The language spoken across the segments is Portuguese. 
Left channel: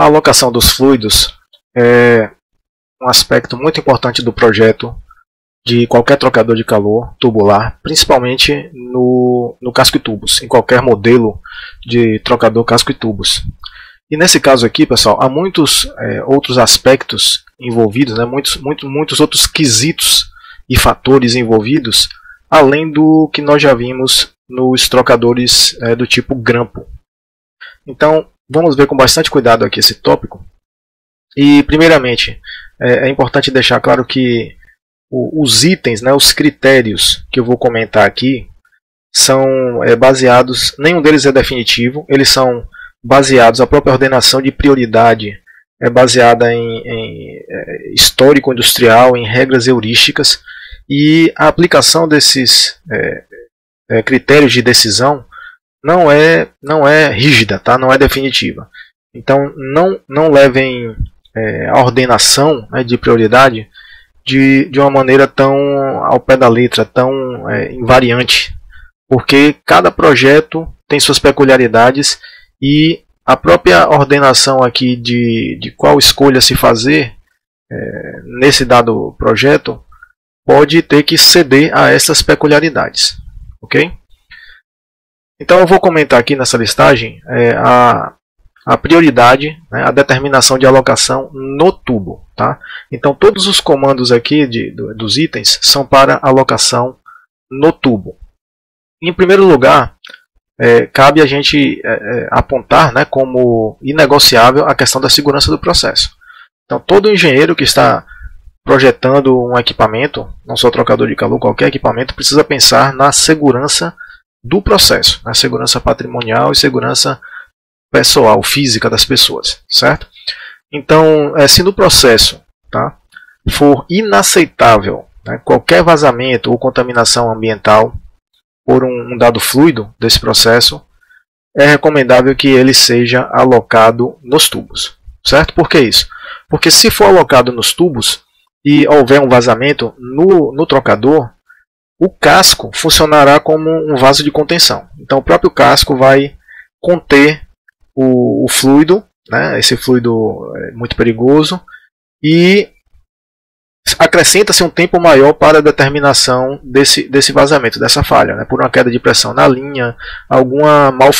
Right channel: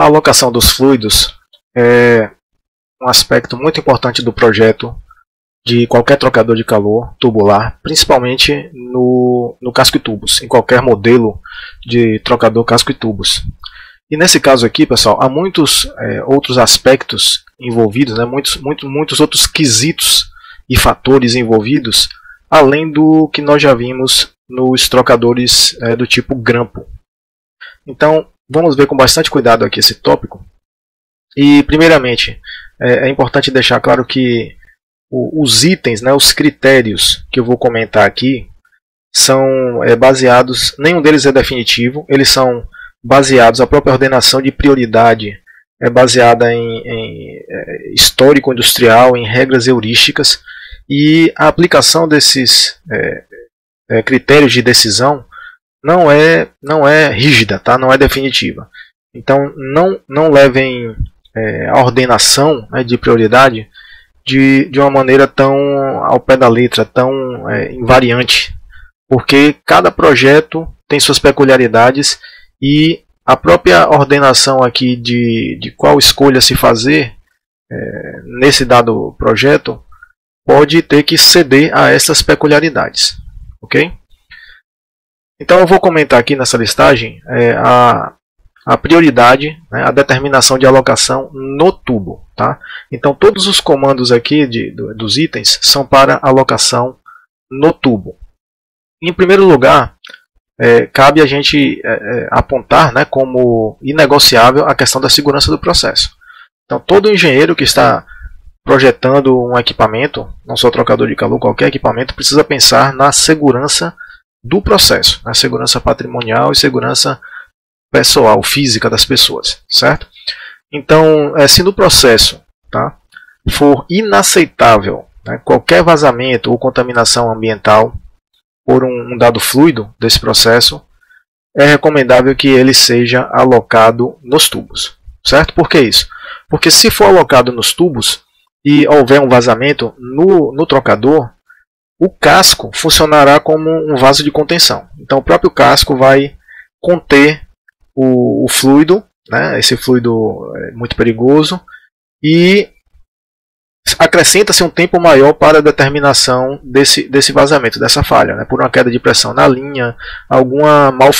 A alocação dos fluidos é um aspecto muito importante do projeto de qualquer trocador de calor tubular, principalmente no casco e tubos, em qualquer modelo de trocador casco e tubos. E nesse caso aqui, pessoal, há muitos outros aspectos envolvidos, né, muitos outros quesitos e fatores envolvidos, além do que nós já vimos nos trocadores do tipo grampo. Então, vamos ver com bastante cuidado aqui esse tópico. E, primeiramente, é importante deixar claro que os itens, né, os critérios que eu vou comentar aqui, são baseados, nenhum deles é definitivo, eles são baseados, a própria ordenação de prioridade é baseada em histórico industrial, em regras heurísticas, e a aplicação desses critérios de decisão não é rígida, tá? Não é definitiva. Então não levem a ordenação, né, de prioridade de uma maneira tão ao pé da letra, tão invariante, porque cada projeto tem suas peculiaridades e a própria ordenação aqui de qual escolha se fazer nesse dado projeto pode ter que ceder a essas peculiaridades, ok? Então eu vou comentar aqui nessa listagem a prioridade, né, a determinação de alocação no tubo, tá? Então todos os comandos aqui dos itens são para alocação no tubo. Em primeiro lugar, cabe a gente apontar, né, como inegociável a questão da segurança do processo. Então todo engenheiro que está projetando um equipamento, não só trocador de calor, qualquer equipamento, precisa pensar na segurança do processo, na segurança patrimonial e segurança pessoal, física das pessoas, certo? Então, se no processo, tá, for inaceitável, né, qualquer vazamento ou contaminação ambiental por um dado fluido desse processo, é recomendável que ele seja alocado nos tubos, certo? Por que isso? Porque se for alocado nos tubos e houver um vazamento no trocador, o casco funcionará como um vaso de contenção. Então o próprio casco vai conter o fluido, né? Esse fluido é muito perigoso, e acrescenta-se um tempo maior para a determinação desse vazamento, dessa falha, né? Por uma queda de pressão na linha, algum mau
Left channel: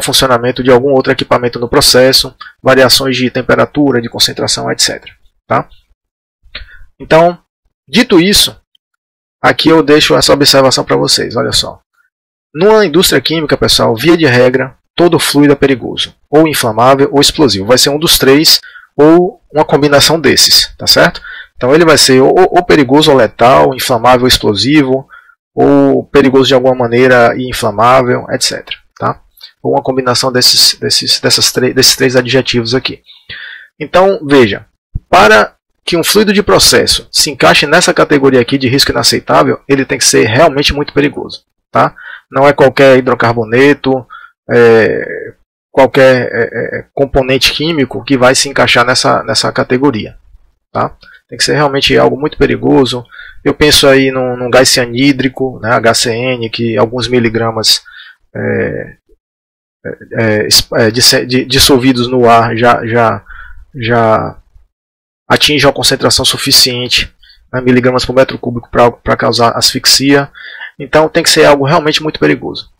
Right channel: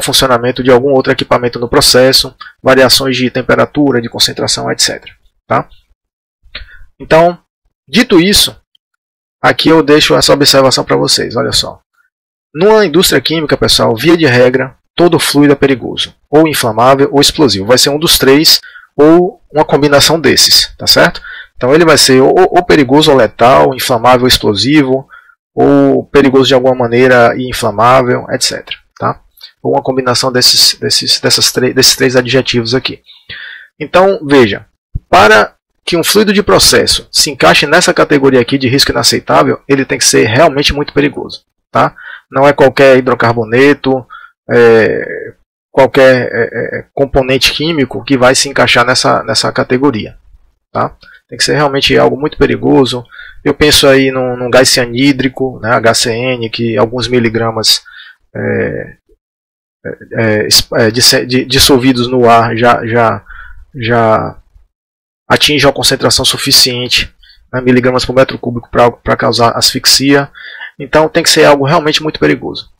funcionamento de algum outro equipamento no processo, variações de temperatura, de concentração, etc. Então, dito isso, aqui eu deixo essa observação para vocês. Olha só. Numa indústria química, pessoal, via de regra, todo fluido é perigoso, ou inflamável ou explosivo. Vai ser um dos três ou uma combinação desses, tá certo? Então ele vai ser ou perigoso ou letal, inflamável ou explosivo, ou perigoso de alguma maneira e inflamável, etc. Tá? Ou uma combinação desses três adjetivos aqui. Então, veja, para que um fluido de processo se encaixe nessa categoria aqui de risco inaceitável, ele tem que ser realmente muito perigoso. Tá? Não é qualquer hidrocarboneto, qualquer componente químico que vai se encaixar nessa categoria. Tá? Tem que ser realmente algo muito perigoso. Eu penso aí num gás cianídrico, né, HCN, que alguns miligramas dissolvidos no ar já atingem uma concentração suficiente, né, miligramas por metro cúbico para causar asfixia. Então tem que ser algo realmente muito perigoso.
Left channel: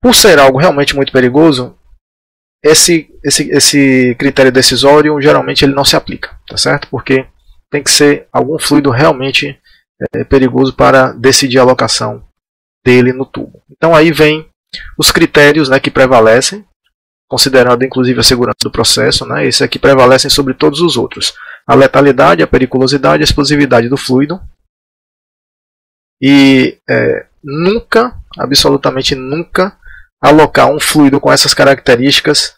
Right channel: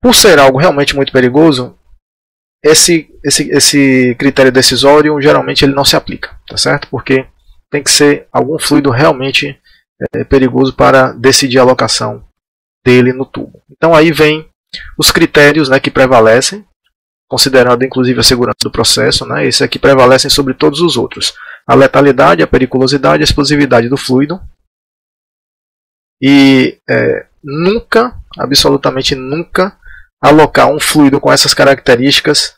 Por ser algo realmente muito perigoso, esse critério decisório geralmente ele não se aplica, tá certo? Porque tem que ser algum fluido realmente perigoso para decidir a alocação dele no tubo. Então aí vem os critérios, né, que prevalecem, considerando inclusive a segurança do processo, né? Esses aqui prevalecem sobre todos os outros: a letalidade, a periculosidade, a explosividade do fluido. E nunca, absolutamente nunca, alocar um fluido com essas características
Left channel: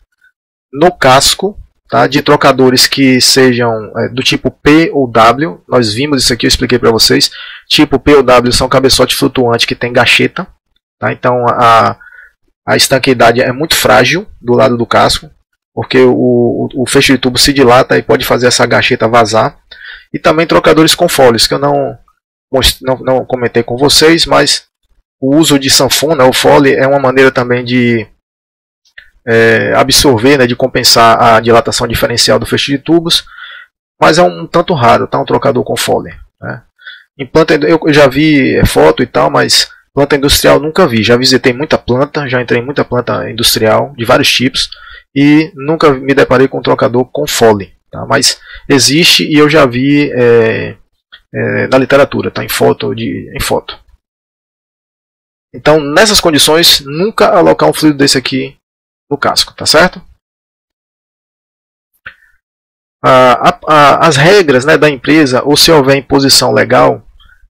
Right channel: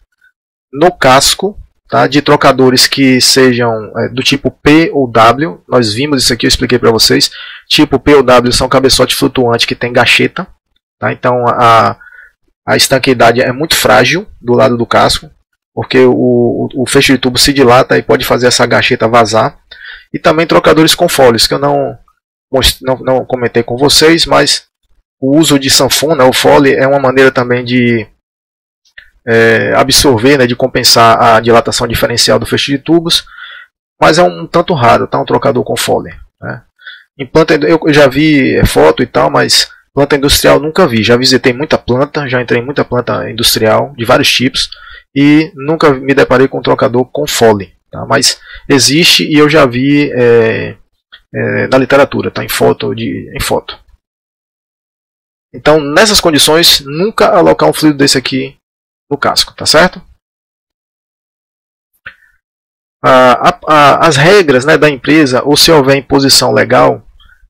no casco, tá, de trocadores que sejam do tipo P ou W. Nós vimos isso aqui, eu expliquei para vocês. Tipo P ou W são cabeçote flutuante que tem gacheta, tá? Então a estanqueidade é muito frágil do lado do casco, porque o fecho de tubo se dilata e pode fazer essa gacheta vazar. E também trocadores com fólios, que eu não comentei com vocês, mas o uso de sanfona, o fole, é uma maneira também de absorver, né, de compensar a dilatação diferencial do feixe de tubos, mas é um tanto raro, tá, um trocador com Foley, né? Em planta, eu já vi foto e tal, mas planta industrial nunca vi. Já visitei muita planta, já entrei em muita planta industrial de vários tipos e nunca me deparei com um trocador com Foley, tá? Mas existe e eu já vi na literatura, tá? Em foto. Então, nessas condições, nunca alocar um fluido desse aqui no casco, tá certo? As regras, né, da empresa, ou a imposição legal,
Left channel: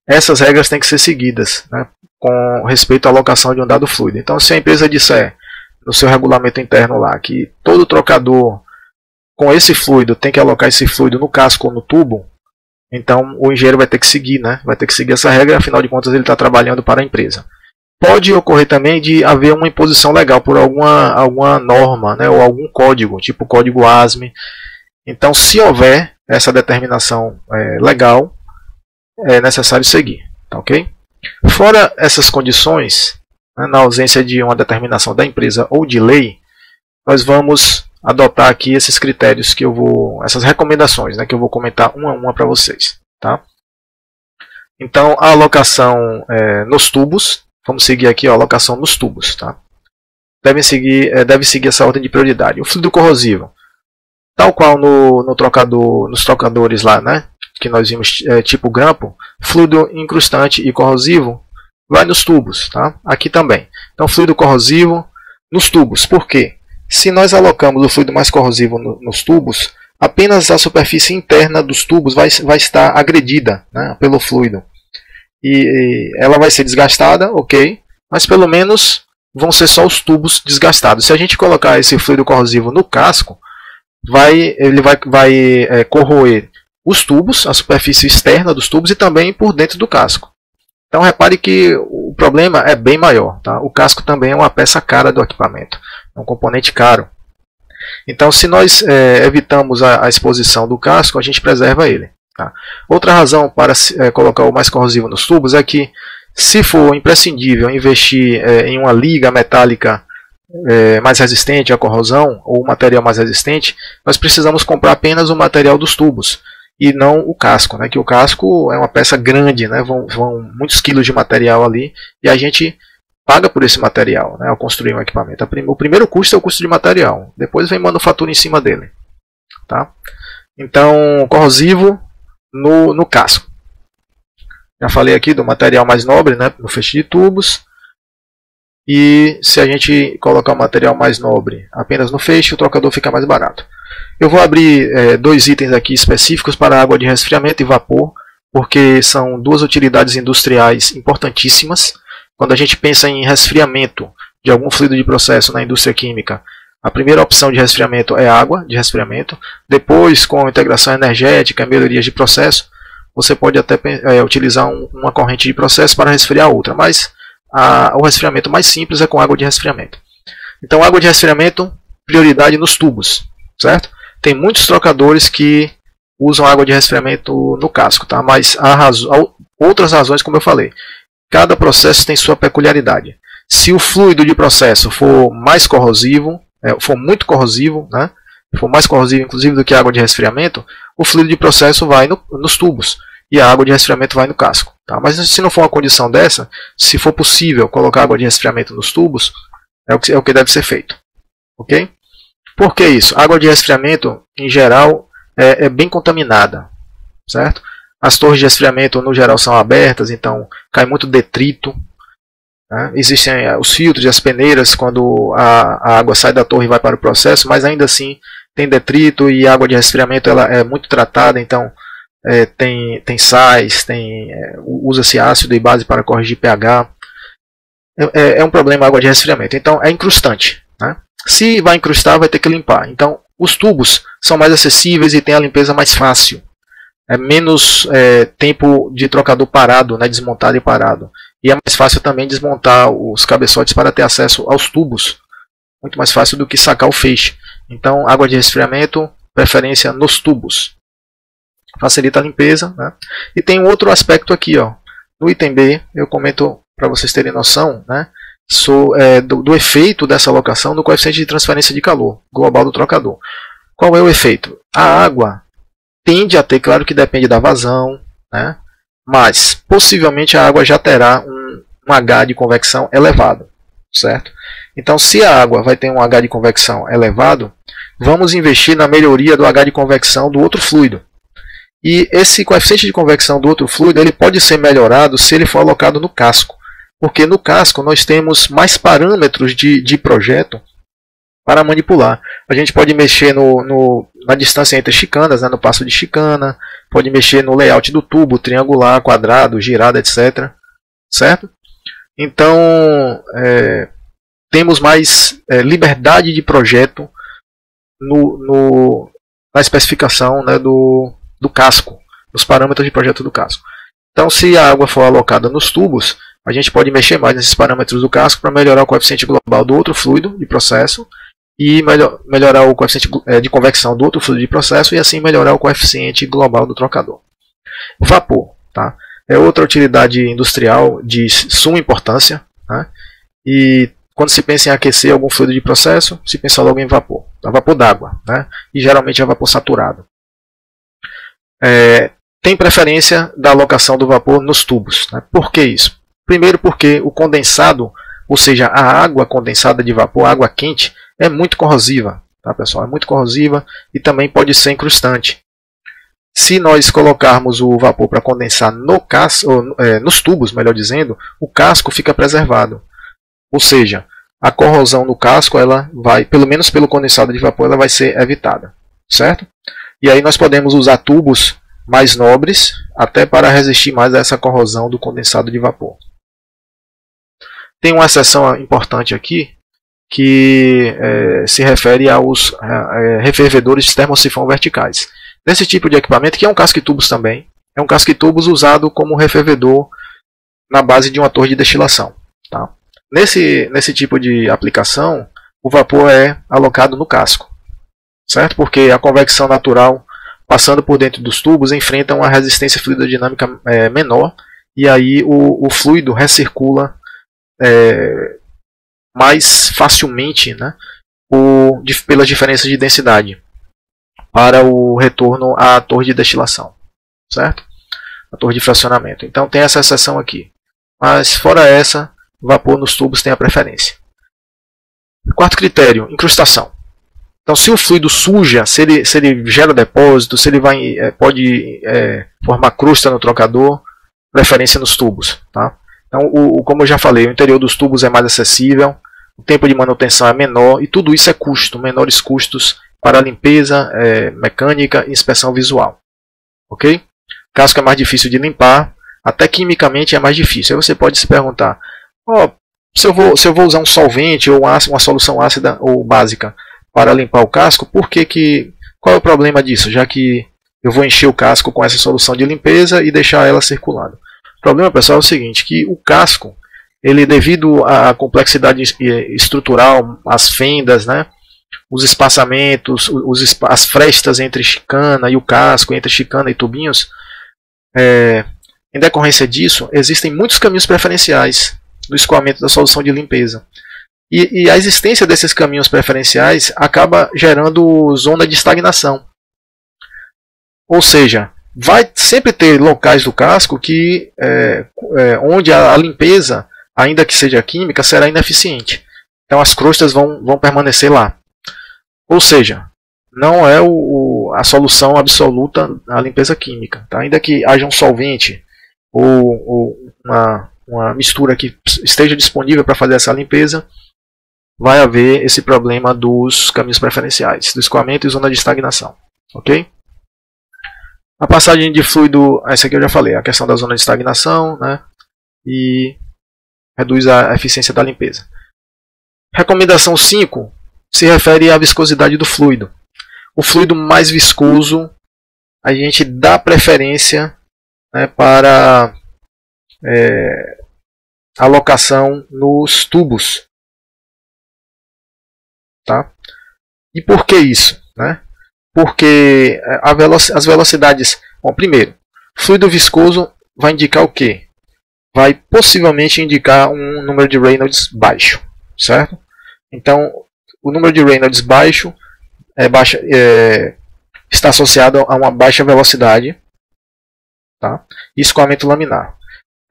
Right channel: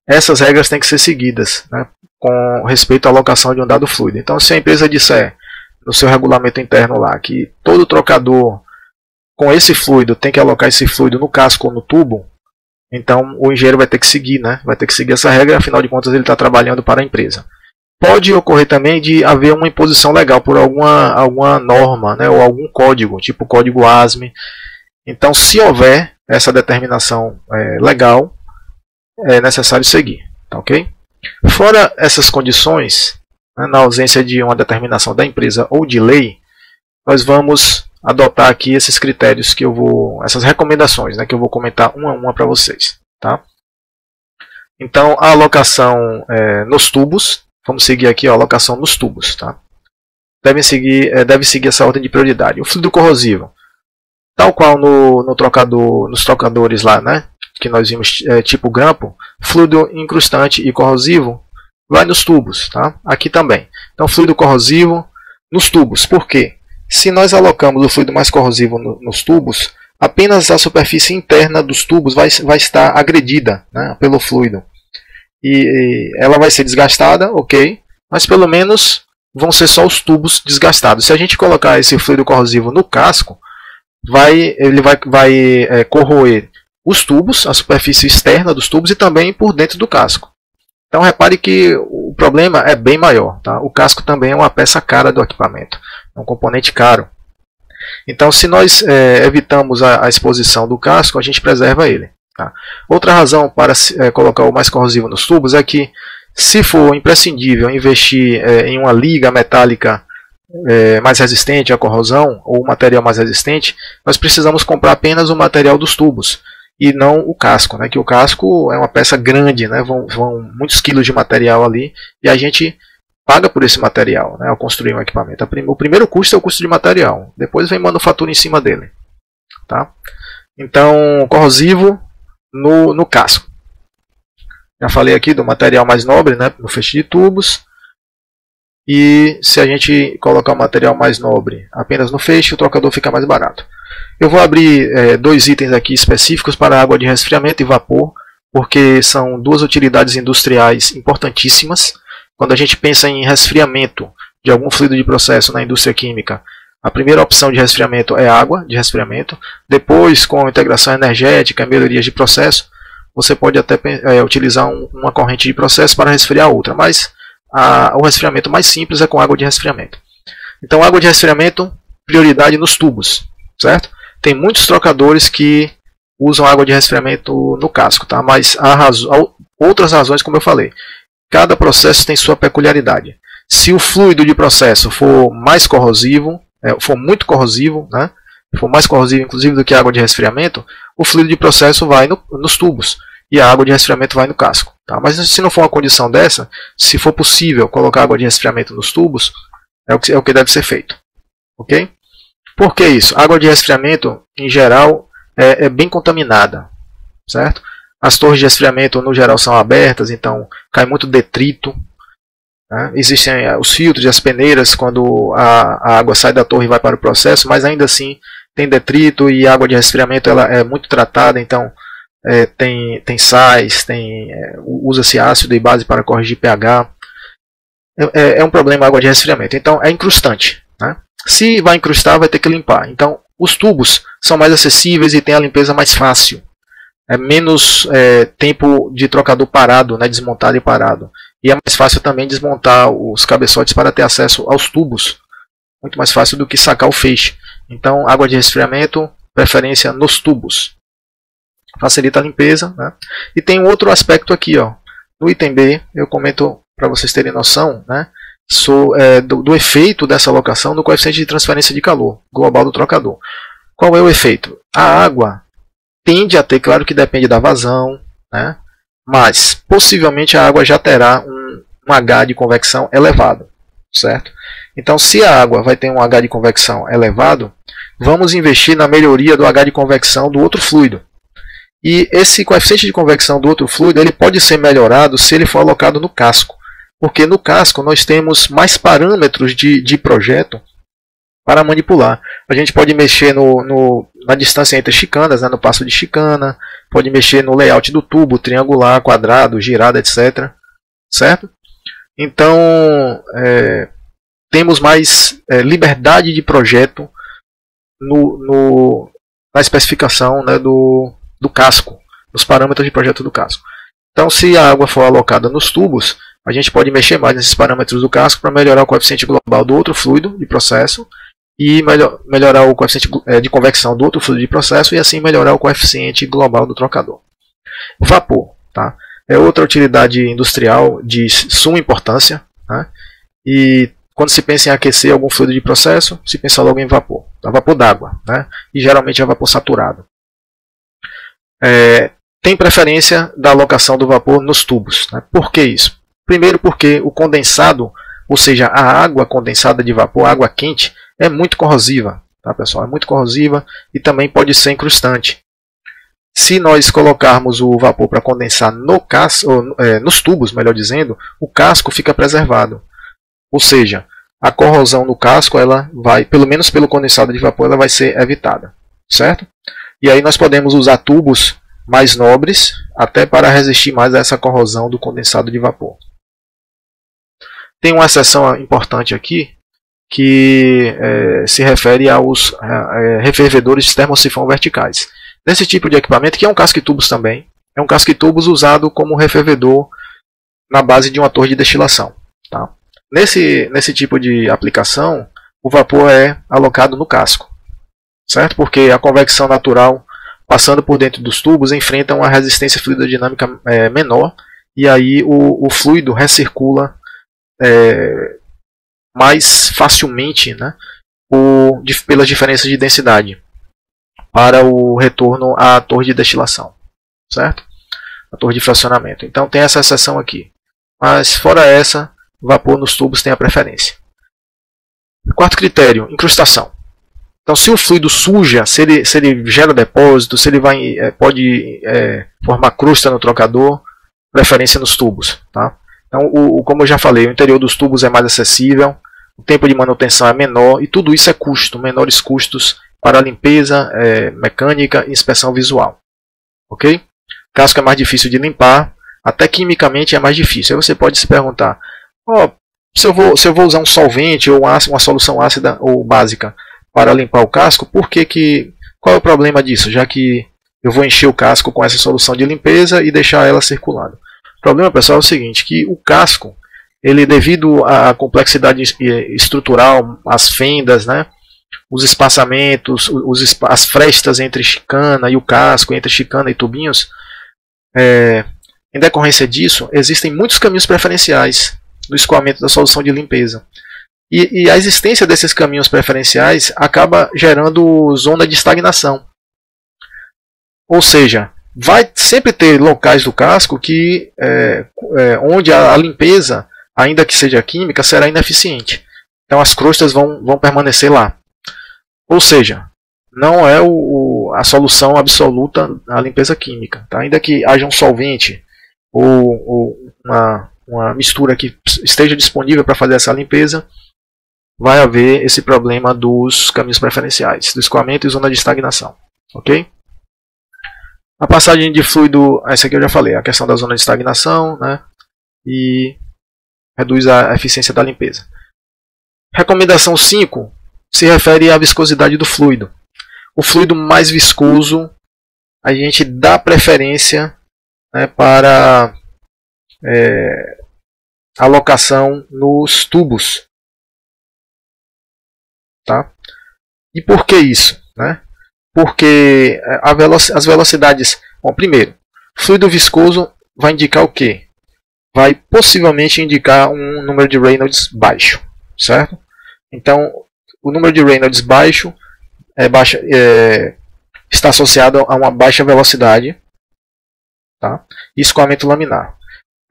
essas regras têm que ser seguidas, né, com respeito à alocação de um dado fluido. Então, se a empresa disser no seu regulamento interno lá que todo trocador com esse fluido tem que alocar esse fluido no casco ou no tubo, então o engenheiro vai ter que seguir, né, vai ter que seguir essa regra, afinal de contas ele está trabalhando para a empresa. Pode ocorrer também de haver uma imposição legal por alguma norma, né, ou algum código, tipo o código ASME. Então, se houver essa determinação legal, é necessário seguir. Tá, ok? Fora essas condições, né, na ausência de uma determinação da empresa ou de lei, nós vamos adotar aqui esses critérios que essas recomendações, né, que eu vou comentar uma a uma para vocês. Tá? Então, a alocação nos tubos. Vamos seguir aqui a alocação nos tubos. Tá? Deve seguir essa ordem de prioridade. O fluido corrosivo, tal qual nos trocadores lá, né, que nós vimos tipo grampo, fluido incrustante e corrosivo vai nos tubos. Tá? Aqui também. Então, fluido corrosivo nos tubos. Por quê? Se nós alocamos o fluido mais corrosivo nos tubos, apenas a superfície interna dos tubos vai estar agredida, né, pelo fluido. Ela vai ser desgastada, ok? Mas pelo menos vão ser só os tubos desgastados. Se a gente colocar esse fluido corrosivo no casco, ele vai corroer os tubos, a superfície externa dos tubos e também por dentro do casco. Então repare que o problema é bem maior. Tá? O casco também é uma peça cara do equipamento, é um componente caro. Então, se nós evitamos a exposição do casco, a gente preserva ele. Tá? Outra razão para colocar o mais corrosivo nos tubos é que, se for imprescindível investir em uma liga metálica mais resistente à corrosão, ou um material mais resistente, nós precisamos comprar apenas o material dos tubos e não o casco, né? Que o casco é uma peça grande, né? Vão muitos quilos de material ali e a gente paga por esse material, né, ao construir um equipamento. O primeiro custo é o custo de material, depois vem manufatura em cima dele. Tá? Então, corrosivo no casco. Já falei aqui do material mais nobre, né, no feixe de tubos. E se a gente colocar o material mais nobre apenas no feixe, o trocador fica mais barato. Eu vou abrir dois itens aqui específicos para água de resfriamento e vapor, porque são duas utilidades industriais importantíssimas. Quando a gente pensa em resfriamento de algum fluido de processo na indústria química, a primeira opção de resfriamento é água de resfriamento. Depois, com integração energética e melhorias de processo, você pode até utilizar uma corrente de processo para resfriar outra, mas o resfriamento mais simples é com água de resfriamento. Então, água de resfriamento, prioridade nos tubos, certo? Tem muitos trocadores que usam água de resfriamento no casco, tá? Mas há outras razões, como eu falei. Cada processo tem sua peculiaridade. Se o fluido de processo for mais corrosivo, for muito corrosivo, né, for mais corrosivo inclusive do que a água de resfriamento, o fluido de processo vai nos tubos e a água de resfriamento vai no casco. Tá? Mas se não for uma condição dessa, se for possível colocar água de resfriamento nos tubos, é o que deve ser feito. Okay? Por que isso? A água de resfriamento, em geral, é bem contaminada, certo? As torres de resfriamento, no geral, são abertas, então cai muito detrito. Existem os filtros e as peneiras quando a água sai da torre e vai para o processo, mas ainda assim tem detrito e a água de resfriamento ela é muito tratada, então tem sais, usa-se ácido e base para corrigir pH. É um problema a água de resfriamento, então é incrustante. Né? Se vai incrustar, vai ter que limpar. Então os tubos são mais acessíveis e tem a limpeza mais fácil. É menos tempo de trocador parado, né, desmontado e parado. E é mais fácil também desmontar os cabeçotes para ter acesso aos tubos. Muito mais fácil do que sacar o feixe. Então, água de resfriamento, preferência nos tubos. Facilita a limpeza. Né? E tem um outro aspecto aqui. Ó. No item B, eu comento para vocês terem noção, né, do efeito dessa alocação no coeficiente de transferência de calor global do trocador. Qual é o efeito? A água tende a ter, claro que depende da vazão, né? Mas possivelmente a água já terá um H de convecção elevado, certo? Então, se a água vai ter um H de convecção elevado, vamos investir na melhoria do H de convecção do outro fluido. E esse coeficiente de convecção do outro fluido ele pode ser melhorado se ele for alocado no casco. Porque no casco nós temos mais parâmetros de projeto para manipular. A gente pode mexer na distância entre chicanas, né, no passo de chicana, pode mexer no layout do tubo, triangular, quadrado, girado, etc. Certo? Então, temos mais liberdade de projeto na especificação, né, do casco, nos parâmetros de projeto do casco. Então, se a água for alocada nos tubos, a gente pode mexer mais nesses parâmetros do casco para melhorar o coeficiente global do outro fluido de processo e melhorar o coeficiente de convecção do outro fluido de processo e assim melhorar o coeficiente global do trocador. É outra utilidade industrial de suma importância, né? E quando se pensa em aquecer algum fluido de processo, se pensa logo em vapor, vapor d'água, né? E geralmente é vapor saturado. Tem preferência da alocação do vapor nos tubos, né? Por que isso? Primeiro porque o condensado, ou seja, a água condensada de vapor, a água quente, é muito corrosiva, tá, pessoal? É muito corrosiva e também pode ser incrustante. Se nós colocarmos o vapor para condensar nos tubos, melhor dizendo, o casco fica preservado. Ou seja, a corrosão no casco, ela vai, pelo menos pelo condensado de vapor, ela vai ser evitada, certo? E aí nós podemos usar tubos mais nobres, até para resistir mais a essa corrosão do condensado de vapor. Tem uma exceção importante aqui, que se refere aos refervedores de termosifão verticais. Nesse tipo de equipamento, que é um casque-tubos também, é um casque-tubos usado como refervedor na base de uma torre de destilação. Tá? Nesse tipo de aplicação, o vapor é alocado no casco, certo? Porque a convecção natural, passando por dentro dos tubos, enfrenta uma resistência fluidodinâmica menor, e aí o fluido recircula mais facilmente, né, pelas diferenças de densidade para o retorno à torre de destilação, certo? A torre de fracionamento. Então tem essa exceção aqui. Mas fora essa, vapor nos tubos tem a preferência. Quarto critério, incrustação. Então se o fluido suja, se ele gera depósito, se ele pode formar crusta no trocador, preferência nos tubos. Tá? Então, como eu já falei, o interior dos tubos é mais acessível, o tempo de manutenção é menor e tudo isso é custo, menores custos para limpeza mecânica e inspeção visual. Ok? Casco é mais difícil de limpar, até quimicamente é mais difícil. Aí você pode se perguntar, se eu vou usar um solvente ou uma solução ácida ou básica para limpar o casco, qual é o problema disso? Já que eu vou encher o casco com essa solução de limpeza e deixar ela circulando. O problema, pessoal, é o seguinte, que o casco, ele devido à complexidade estrutural, as fendas, né, os espaçamentos, as frestas entre chicana e o casco, entre chicana e tubinhos, em decorrência disso, existem muitos caminhos preferenciais no escoamento da solução de limpeza. E a existência desses caminhos preferenciais acaba gerando zona de estagnação. Ou seja, vai sempre ter locais do casco onde a limpeza, ainda que seja química, será ineficiente. Então as crostas vão permanecer lá. Ou seja, não é a solução absoluta a limpeza química. Tá? Ainda que haja um solvente ou uma mistura que esteja disponível para fazer essa limpeza, vai haver esse problema dos caminhos preferenciais, do escoamento e zona de estagnação. Ok? A passagem de fluido, essa aqui eu já falei, a questão da zona de estagnação, né? E reduz a eficiência da limpeza. Recomendação 5 se refere à viscosidade do fluido. O fluido mais viscoso, a gente dá preferência, né, para alocação nos tubos. Tá? E por que isso? Né? Porque as velocidades... Bom, primeiro, fluido viscoso vai indicar o quê? vai possivelmente indicar um número de Reynolds baixo, certo? Então, o número de Reynolds baixo está associado a uma baixa velocidade, tá? E escoamento laminar.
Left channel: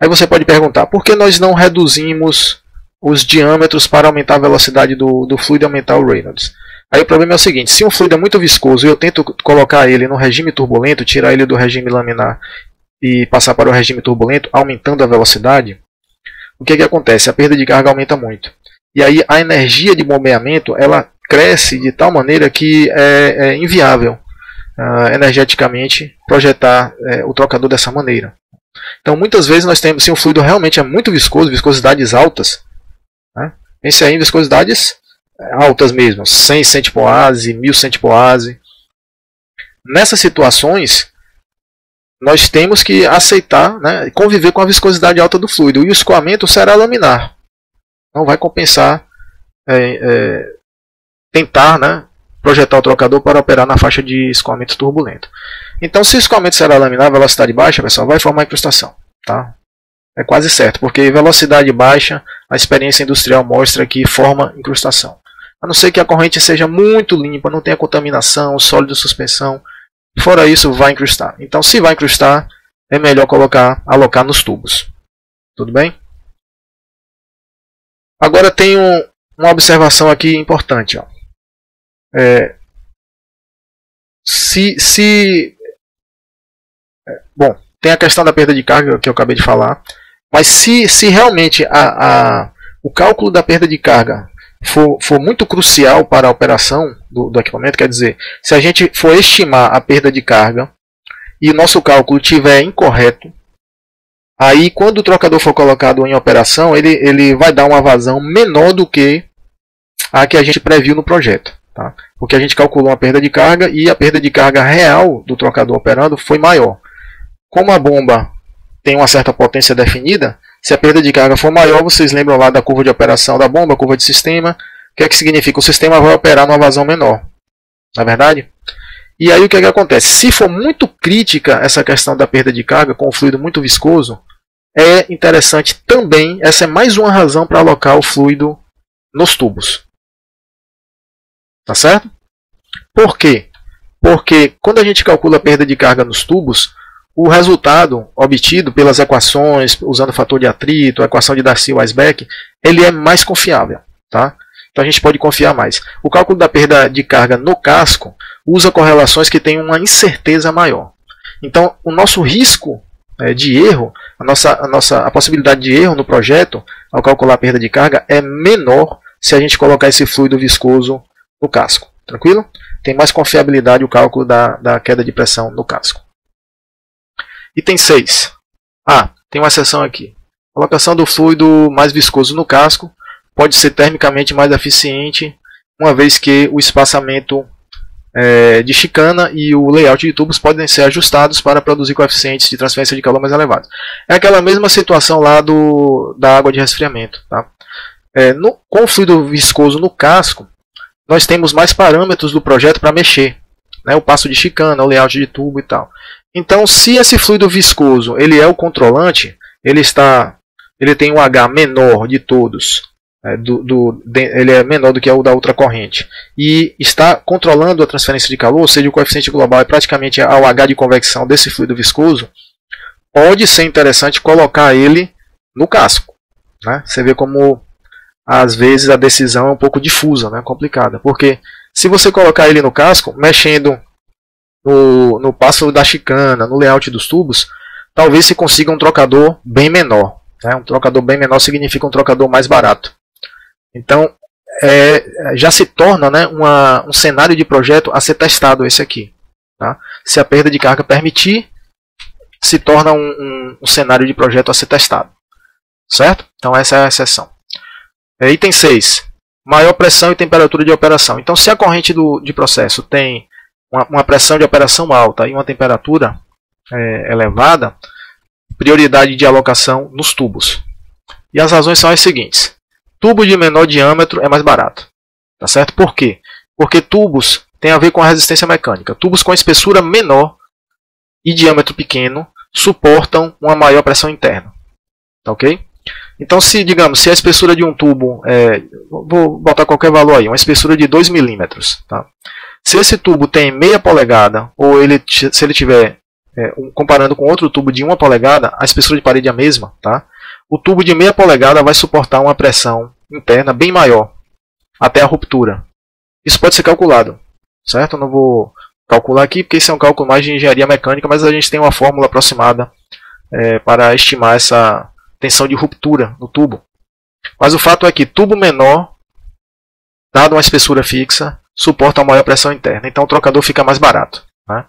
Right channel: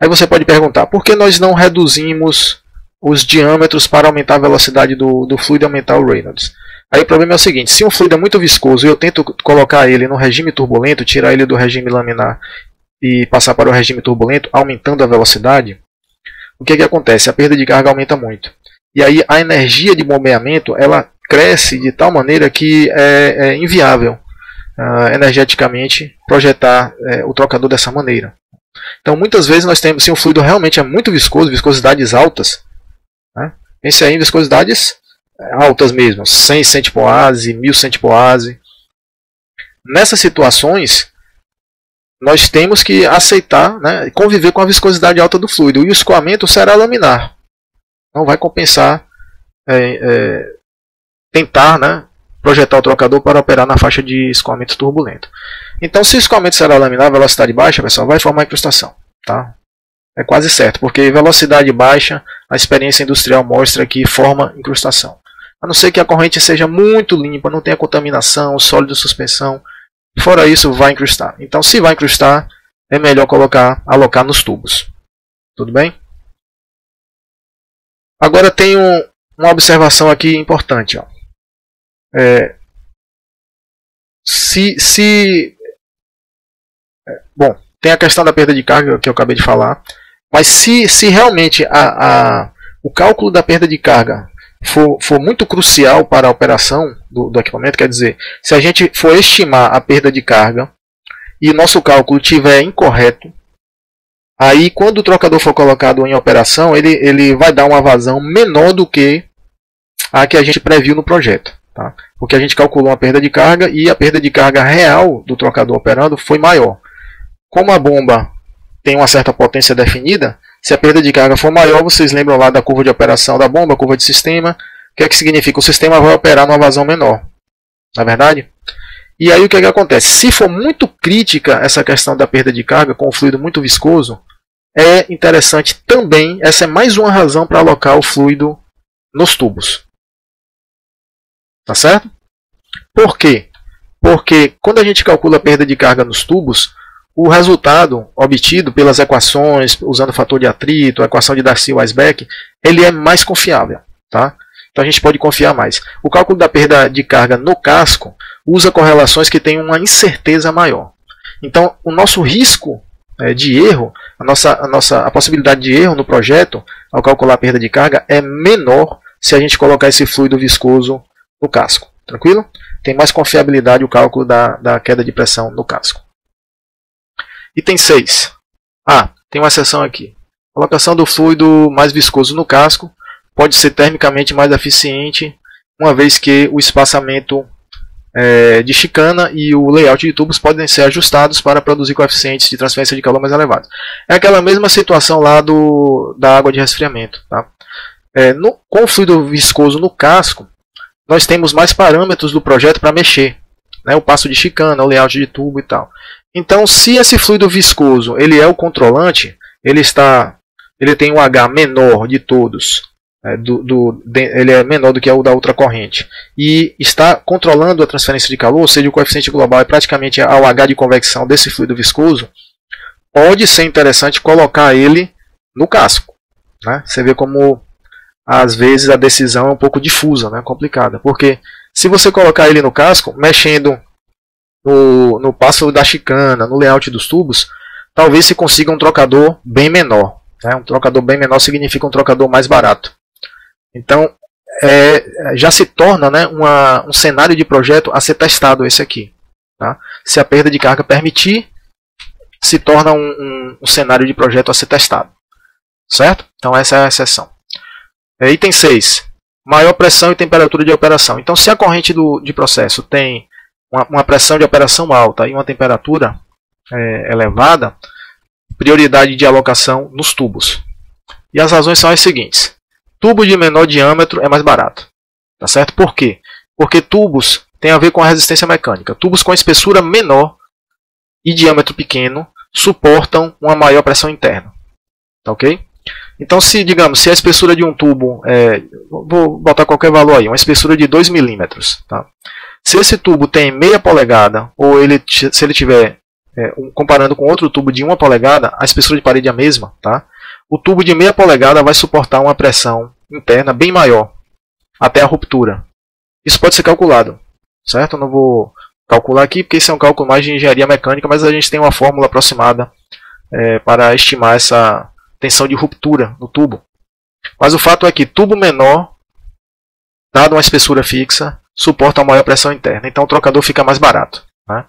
Aí você pode perguntar, por que nós não reduzimos os diâmetros para aumentar a velocidade do fluido e aumentar o Reynolds? Aí o problema é o seguinte, se um fluido é muito viscoso e eu tento colocar ele no regime turbulento, tirar ele do regime laminar e passar para o regime turbulento, aumentando a velocidade, o que acontece? A perda de carga aumenta muito. E aí a energia de bombeamento ela cresce de tal maneira que é inviável energeticamente projetar o trocador dessa maneira. Então muitas vezes nós temos, se um fluido realmente é muito viscoso, viscosidades altas, né? Pense aí em viscosidades altas mesmo, 100 centipoase, 1000 centipoase. Nessas situações, nós temos que aceitar, né, conviver com a viscosidade alta do fluido. E o escoamento será laminar. Não vai compensar tentar, né, projetar o trocador para operar na faixa de escoamento turbulento. Então, se o escoamento será laminar, velocidade baixa, pessoal, vai formar incrustação. Tá? É quase certo, porque velocidade baixa, a experiência industrial mostra que forma incrustação. A não ser que a corrente seja muito limpa, não tenha contaminação, sólido, suspensão. Fora isso, vai incrustar. Então, se vai incrustar, é melhor alocar nos tubos. Tudo bem? Agora tem uma observação aqui importante. Ó. Bom, tem a questão da perda de carga que eu acabei de falar. Mas se realmente o cálculo da perda de carga for muito crucial para a operação do equipamento, quer dizer, se a gente for estimar a perda de carga e o nosso cálculo estiver incorreto, aí quando o trocador for colocado em operação, ele vai dar uma vazão menor do que a que a gente previu no projeto. Tá? Porque a gente calculou uma perda de carga e a perda de carga real do trocador operando foi maior. Como a bomba tem uma certa potência definida, se a perda de carga for maior, vocês lembram lá da curva de operação da bomba, curva de sistema, o que é que significa? O sistema vai operar numa vazão menor. Não é verdade? E aí o que é que acontece? Se for muito crítica essa questão da perda de carga com o fluido muito viscoso, é interessante também, essa é mais uma razão para alocar o fluido nos tubos. Tá certo? Por quê? Porque quando a gente calcula a perda de carga nos tubos, o resultado obtido pelas equações, usando o fator de atrito, a equação de Darcy-Weisbach, ele é mais confiável. Tá? Então a gente pode confiar mais. O cálculo da perda de carga no casco usa correlações que têm uma incerteza maior. Então o nosso risco de erro, a possibilidade de erro no projeto, ao calcular a perda de carga, é menor se a gente colocar esse fluido viscoso no casco. Tranquilo? Tem mais confiabilidade o cálculo da queda de pressão no casco. Item 6. Tem uma exceção aqui. Colocação do fluido mais viscoso no casco pode ser termicamente mais eficiente, uma vez que o espaçamento de chicana e o layout de tubos podem ser ajustados para produzir coeficientes de transferência de calor mais elevados. É aquela mesma situação lá da água de resfriamento. Tá? Com o fluido viscoso no casco, nós temos mais parâmetros do projeto para mexer. Né? O passo de chicana, o layout de tubo e tal. Então, se esse fluido viscoso ele é o controlante, ele tem um H menor de todos, ele é menor do que o da outra corrente, e está controlando a transferência de calor, ou seja, o coeficiente global é praticamente ao H de convecção desse fluido viscoso, pode ser interessante colocar ele no casco. Né? Você vê como, às vezes, a decisão é um pouco difusa, né? Complicada, porque se você colocar ele no casco, mexendo no passo da chicana, no layout dos tubos, talvez se consiga um trocador bem menor. Né? Um trocador bem menor significa um trocador mais barato. Então, já se torna, né, um cenário de projeto a ser testado esse aqui. Tá? Se a perda de carga permitir, se torna um cenário de projeto a ser testado. Certo? Então essa é a exceção. Item 6. Maior pressão e temperatura de operação. Então, se a corrente de processo tem uma pressão de operação alta e uma temperatura elevada, prioridade de alocação nos tubos. E as razões são as seguintes. Tubo de menor diâmetro é mais barato. Tá certo? Por quê? Porque tubos tem a ver com a resistência mecânica. Tubos com espessura menor e diâmetro pequeno suportam uma maior pressão interna. Tá ok? Então, se a espessura de um tubo, vou botar qualquer valor aí, uma espessura de 2 milímetros. Tá? Se esse tubo tem meia polegada, ou se ele tiver, comparando com outro tubo de 1 polegada, a espessura de parede é a mesma. Tá? O tubo de meia polegada vai suportar uma pressão interna bem maior, até a ruptura. Isso pode ser calculado, certo? Eu não vou calcular aqui, porque isso é um cálculo mais de engenharia mecânica, mas a gente tem uma fórmula aproximada para estimar essa tensão de ruptura no tubo. Mas o fato é que tubo menor, dado uma espessura fixa, suporta uma maior pressão interna. Então o trocador fica mais barato. Né?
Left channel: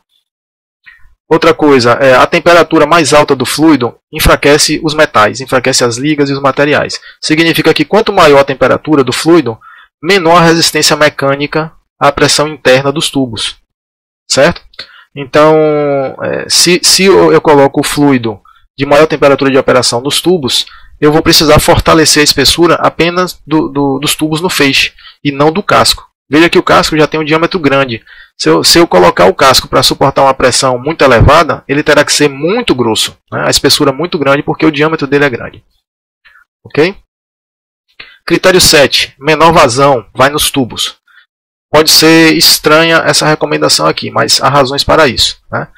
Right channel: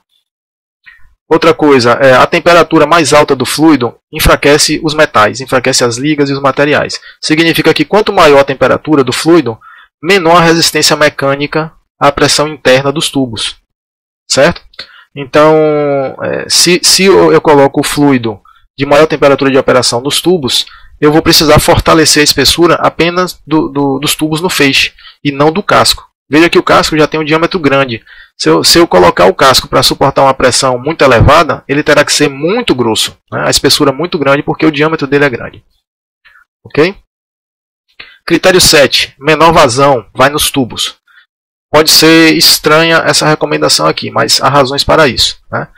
Outra coisa, a temperatura mais alta do fluido enfraquece os metais, enfraquece as ligas e os materiais. Significa que quanto maior a temperatura do fluido, menor a resistência mecânica à pressão interna dos tubos. Então, se eu coloco o fluido de maior temperatura de operação nos tubos, eu vou precisar fortalecer a espessura apenas dos tubos no feixe e não do casco. Veja que o casco já tem um diâmetro grande. Se eu colocar o casco para suportar uma pressão muito elevada, ele terá que ser muito grosso, né? A espessura muito grande porque o diâmetro dele é grande. Okay? Critério 7. Menor vazão vai nos tubos. Pode ser estranha essa recomendação aqui, mas há razões para isso. Né?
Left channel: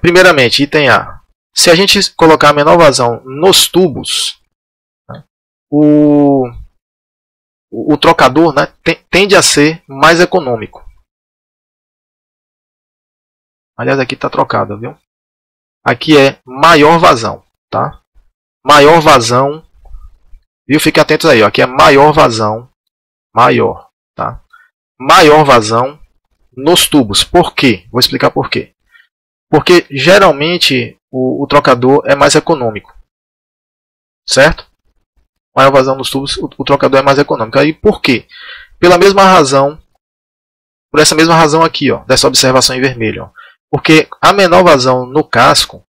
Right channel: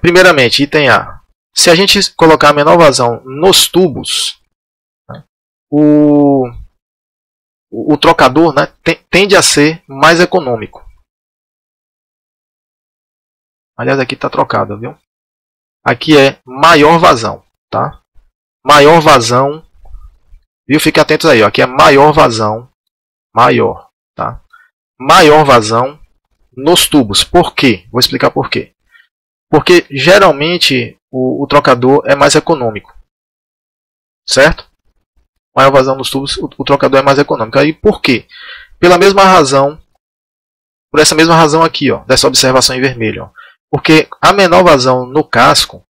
Primeiramente, item A. Se a gente colocar menor vazão nos tubos, né, o trocador, né, tende a ser mais econômico. Aliás, aqui está trocado, viu? Aqui é maior vazão. Tá? Maior vazão. Viu? Fique atentos aí. Ó. Aqui é maior vazão. Maior. Tá? Maior vazão nos tubos. Por quê? Vou explicar por quê. Porque geralmente o trocador é mais econômico. Certo? Maior vazão nos tubos, o trocador é mais econômico. Aí por quê? Pela mesma razão, por essa mesma razão aqui, ó, dessa observação em vermelho. Ó. Porque a menor vazão no casco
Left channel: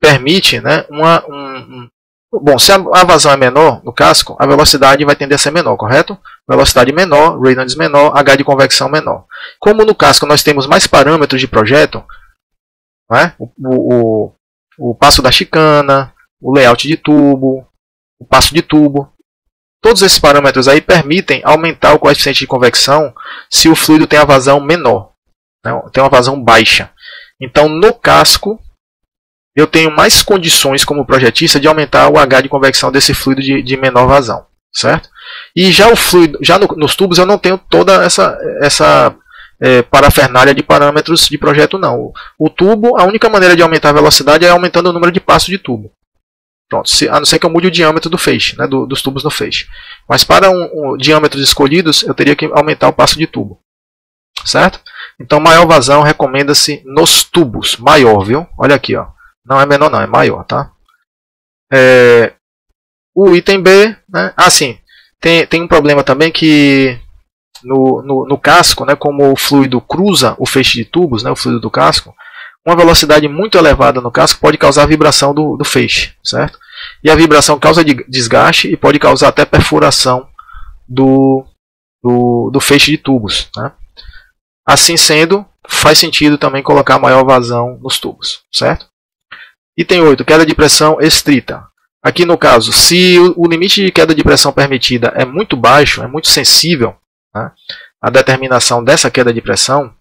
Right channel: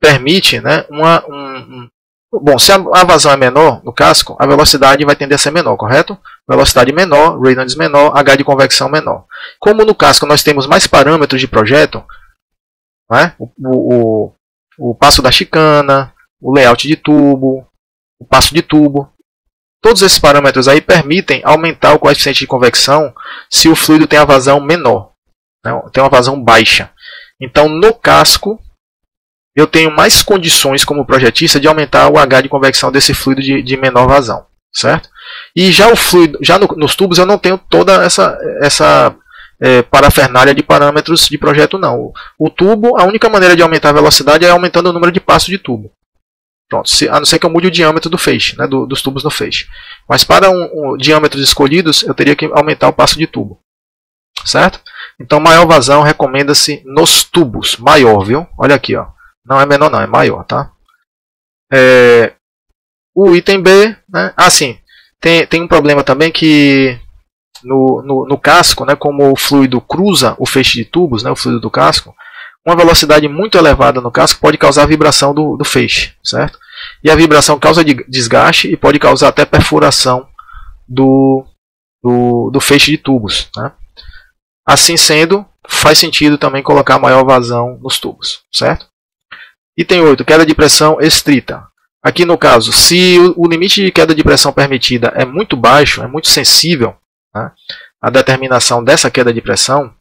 permite, né, bom, se a vazão é menor no casco, a velocidade vai tender a ser menor, correto? Velocidade menor, Reynolds menor, H de convecção menor. Como no casco nós temos mais parâmetros de projeto, né? O passo da chicana, o layout de tubo, o passo de tubo, todos esses parâmetros aí permitem aumentar o coeficiente de convecção se o fluido tem a vazão menor, né? Tem uma vazão baixa. Então no casco eu tenho mais condições como projetista de aumentar o H de convecção desse fluido de menor vazão, certo? E já o fluido, nos tubos eu não tenho toda essa parafernália de parâmetros de projeto não. O tubo, a única maneira de aumentar a velocidade é aumentando o número de passos de tubo. Pronto, a não ser que eu mude o diâmetro do feixe, né, dos tubos no feixe. Mas para diâmetros escolhidos, eu teria que aumentar o passo de tubo, certo? Então maior vazão recomenda-se nos tubos, maior, viu? Olha aqui, ó. Não é menor não, é maior, tá? O item B, né? Sim, tem um problema também que no casco, né, como o fluido cruza o feixe de tubos, né, o fluido do casco, uma velocidade muito elevada no casco pode causar vibração do feixe, certo? E a vibração causa desgaste e pode causar até perfuração do feixe de tubos, né? Assim sendo, faz sentido também colocar maior vazão nos tubos, certo? Item 8. Queda de pressão estrita. Aqui no caso, se o limite de queda de pressão permitida é muito baixo, é muito sensível, né, a determinação dessa queda de pressão,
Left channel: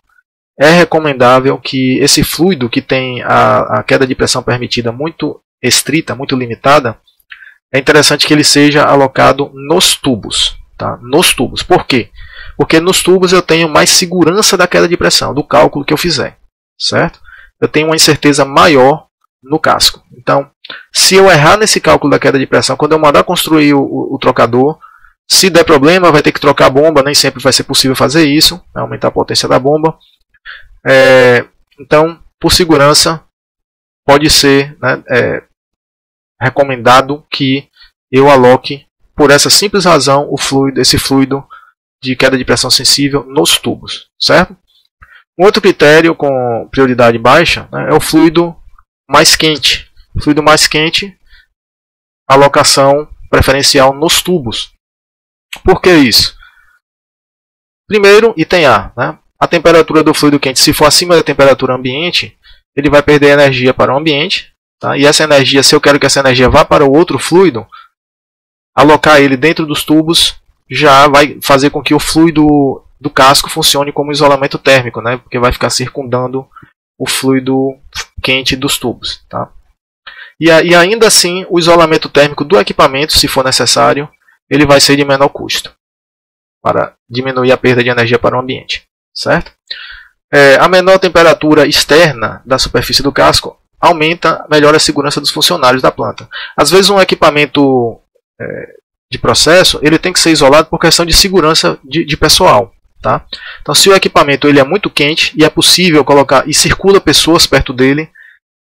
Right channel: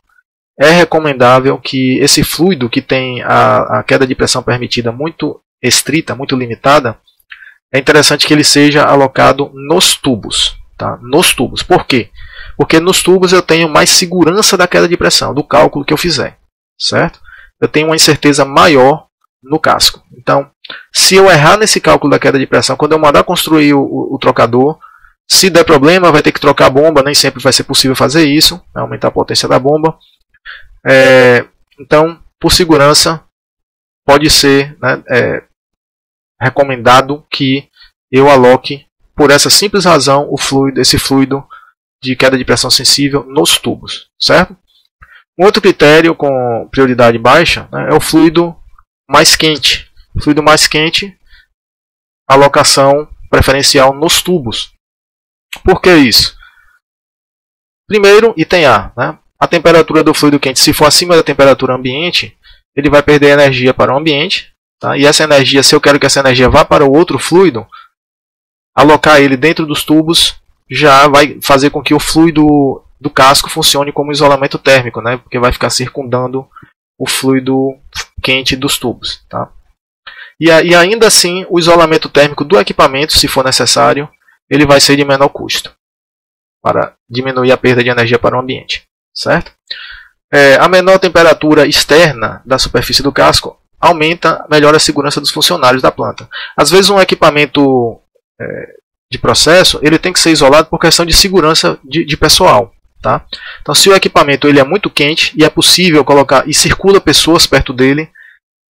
é recomendável que esse fluido que tem a queda de pressão permitida muito estrita, muito limitada, é interessante que ele seja alocado nos tubos. Tá? Nos tubos. Por quê? Porque nos tubos eu tenho mais segurança da queda de pressão, do cálculo que eu fizer. Certo? Eu tenho uma incerteza maior no casco. Então, se eu errar nesse cálculo da queda de pressão, quando eu mandar construir o trocador, se der problema, vai ter que trocar a bomba, nem sempre vai ser possível fazer isso, né, aumentar a potência da bomba. Então, por segurança, pode ser, né, recomendado que eu aloque, por essa simples razão, esse fluido de queda de pressão sensível nos tubos. Certo? Um outro critério com prioridade baixa, né, é o fluido mais quente. Fluido mais quente, alocação preferencial nos tubos. Por que isso? Primeiro, item A. Né? A temperatura do fluido quente, se for acima da temperatura ambiente, ele vai perder energia para o ambiente, tá? E essa energia, se eu quero que essa energia vá para o outro fluido, alocar ele dentro dos tubos já vai fazer com que o fluido do casco funcione como isolamento térmico, né? Porque vai ficar circundando o fluido quente dos tubos. Tá? E ainda assim, o isolamento térmico do equipamento, se for necessário, ele vai ser de menor custo, para diminuir a perda de energia para o ambiente. Certo? A menor temperatura externa da superfície do casco melhora a segurança dos funcionários da planta. Às vezes um equipamento de processo ele tem que ser isolado por questão de segurança de pessoal. Tá? Então, se o equipamento ele é muito quente e é possível colocar e circula pessoas perto dele,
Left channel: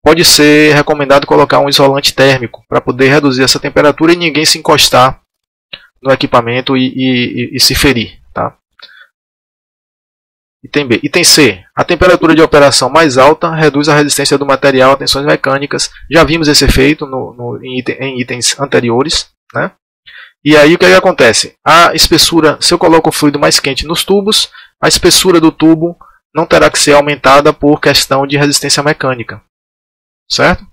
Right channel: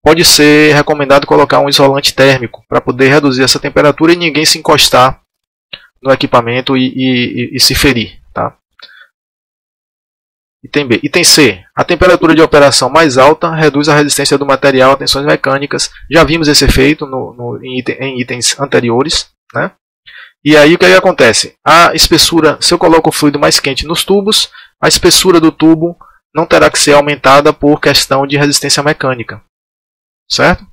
pode ser recomendado colocar um isolante térmico para poder reduzir essa temperatura e ninguém se encostar no equipamento e se ferir. Tá? Item B. Item C. A temperatura de operação mais alta reduz a resistência do material a tensões mecânicas. Já vimos esse efeito em itens anteriores. Né? E aí o que acontece? A espessura, se eu coloco o fluido mais quente nos tubos, a espessura do tubo não terá que ser aumentada por questão de resistência mecânica. Certo?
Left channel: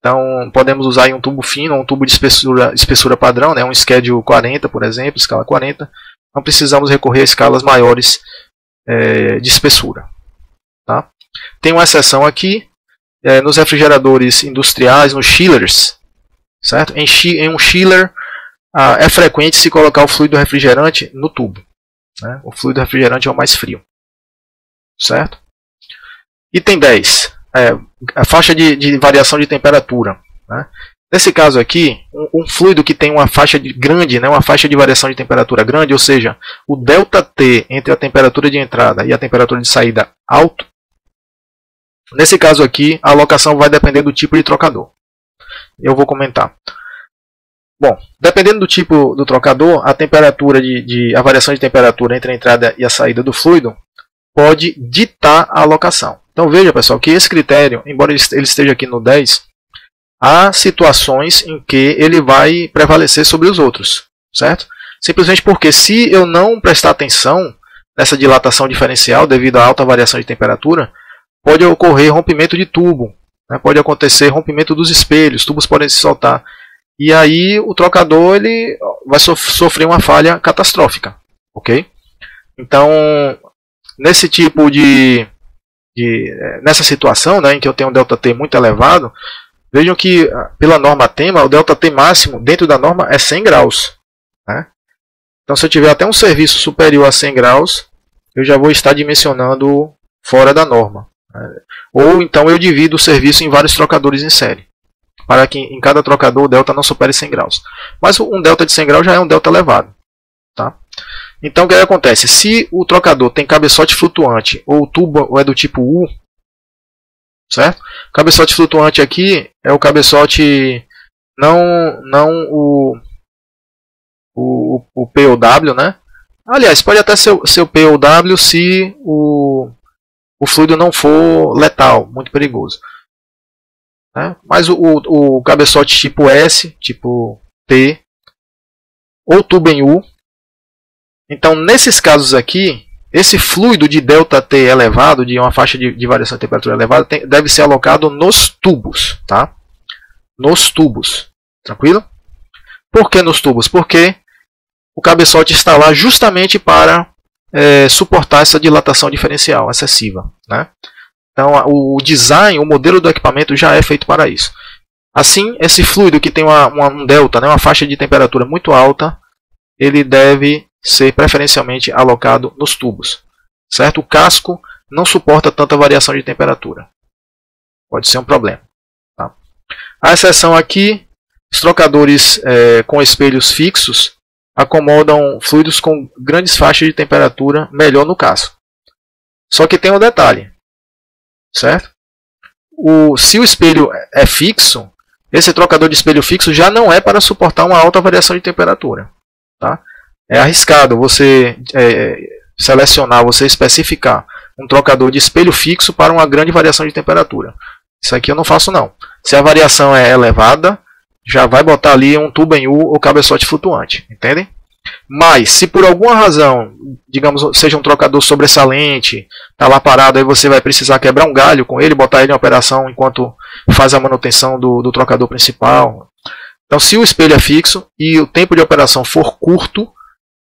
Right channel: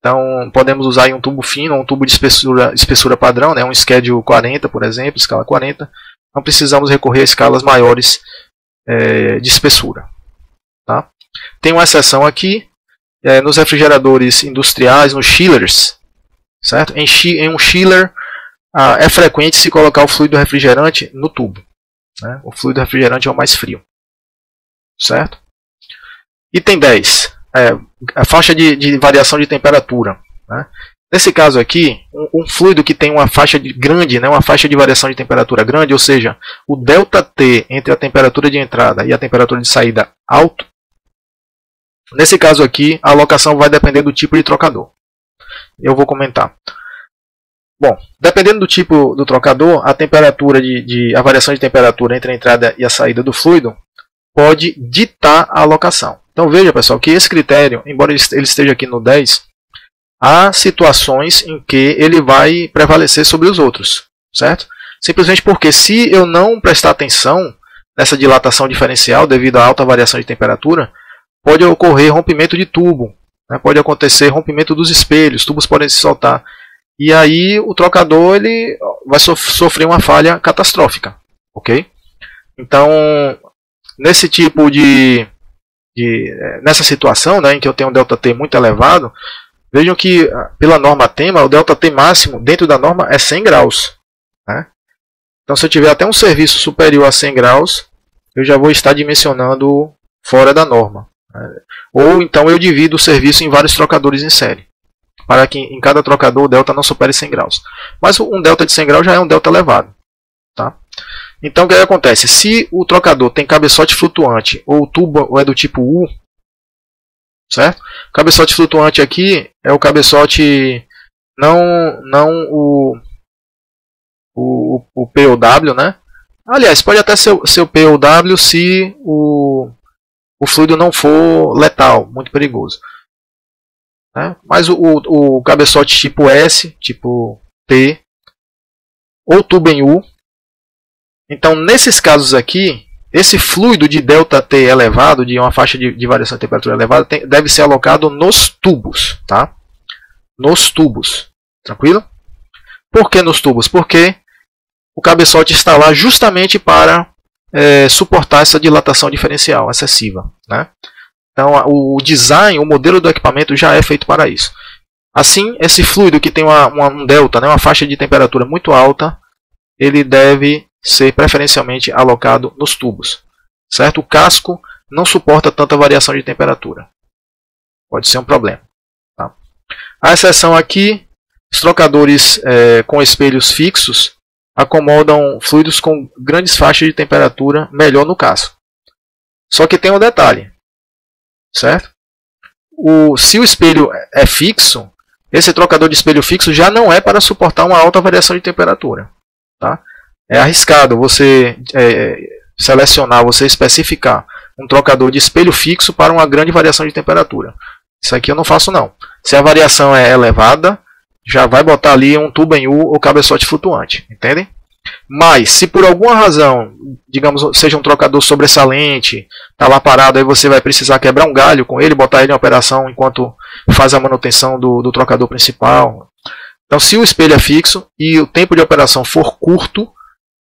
Então podemos usar um tubo fino, um tubo de espessura padrão, né? Um schedule 40, por exemplo, escala 40. Não precisamos recorrer a escalas maiores de espessura. Tá? Tem uma exceção aqui, nos refrigeradores industriais, nos chillers. Certo? Em um chiller é frequente se colocar o fluido refrigerante no tubo. Né? O fluido refrigerante é o mais frio. Certo? Item 10. A faixa de variação de temperatura. Né? Nesse caso aqui, um fluido que tem uma faixa grande, né? Uma faixa de variação de temperatura grande, ou seja, o ΔT entre a temperatura de entrada e a temperatura de saída alto. Nesse caso aqui, a alocação vai depender do tipo de trocador. Eu vou comentar. Bom, dependendo do tipo do trocador, a temperatura a variação de temperatura entre a entrada e a saída do fluido pode ditar a alocação. Então veja, pessoal, que esse critério, embora ele esteja aqui no 10, há situações em que ele vai prevalecer sobre os outros, certo? Simplesmente porque se eu não prestar atenção nessa dilatação diferencial devido à alta variação de temperatura, pode ocorrer rompimento de tubo. Pode acontecer rompimento dos espelhos, os tubos podem se soltar. E aí o trocador ele vai sofrer uma falha catastrófica. Ok? Então, nesse tipo nessa situação, né, em que eu tenho um ΔT muito elevado, vejam que pela norma tema, o ΔT máximo dentro da norma é 100 graus. Né? Então, se eu tiver até um serviço superior a 100 graus, eu já vou estar dimensionando fora da norma. Ou então eu divido o serviço em vários trocadores em série, para que em cada trocador o delta não supere 100 graus. Mas um delta de 100 graus já é um delta elevado. Tá? Então o que acontece? Se o trocador tem cabeçote flutuante ou o tubo é do tipo U, certo? O cabeçote flutuante aqui é o cabeçote não o POW, né? Aliás, pode até ser o POW se o fluido não for letal, muito perigoso. Mas o cabeçote tipo S, tipo P, ou tubo em U. Então, nesses casos aqui, esse fluido de ΔT elevado, de uma faixa de variação de temperatura elevada, deve ser alocado nos tubos. Tá? Nos tubos. Tranquilo? Por que nos tubos? Porque o cabeçote está lá justamente para suportar essa dilatação diferencial excessiva. Né? Então, o design, o modelo do equipamento já é feito para isso. Assim, esse fluido que tem um delta, né, uma faixa de temperatura muito alta, ele deve ser preferencialmente alocado nos tubos. Certo? O casco não suporta tanta variação de temperatura. Pode ser um problema. Tá? Na exceção aqui, os trocadores com espelhos fixos acomodam fluidos com grandes faixas de temperatura melhor no casco. Só que tem um detalhe. Certo? Se o espelho é fixo, esse trocador de espelho fixo já não é para suportar uma alta variação de temperatura. Tá? É arriscado você selecionar, você especificar um trocador de espelho fixo para uma grande variação de temperatura. Isso aqui eu não faço não. Se a variação é elevada, já vai botar ali um tubo em U ou cabeçote flutuante. Entendem? Mas, se por alguma razão digamos, seja um trocador sobressalente, está lá parado, aí você vai precisar quebrar um galho com ele, botar ele em operação enquanto faz a manutenção do trocador principal. Então, se o espelho é fixo e o tempo de operação for curto,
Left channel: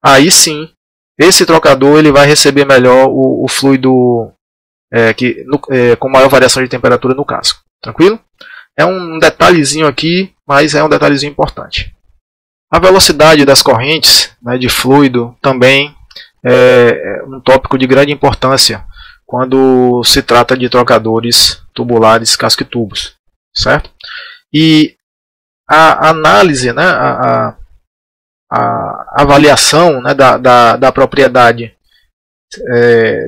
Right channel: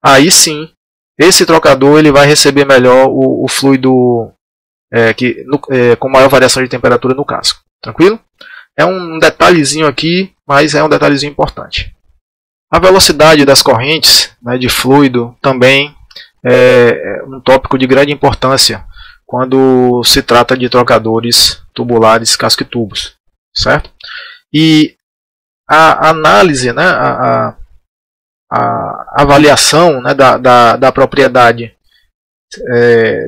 aí sim, esse trocador ele vai receber melhor o fluido com maior variação de temperatura no casco. Tranquilo? É um detalhezinho aqui, mas é um detalhezinho importante. A velocidade das correntes, né, de fluido também é um tópico de grande importância quando se trata de trocadores tubulares casco e tubos, certo? E a análise, né, a avaliação, né, da propriedade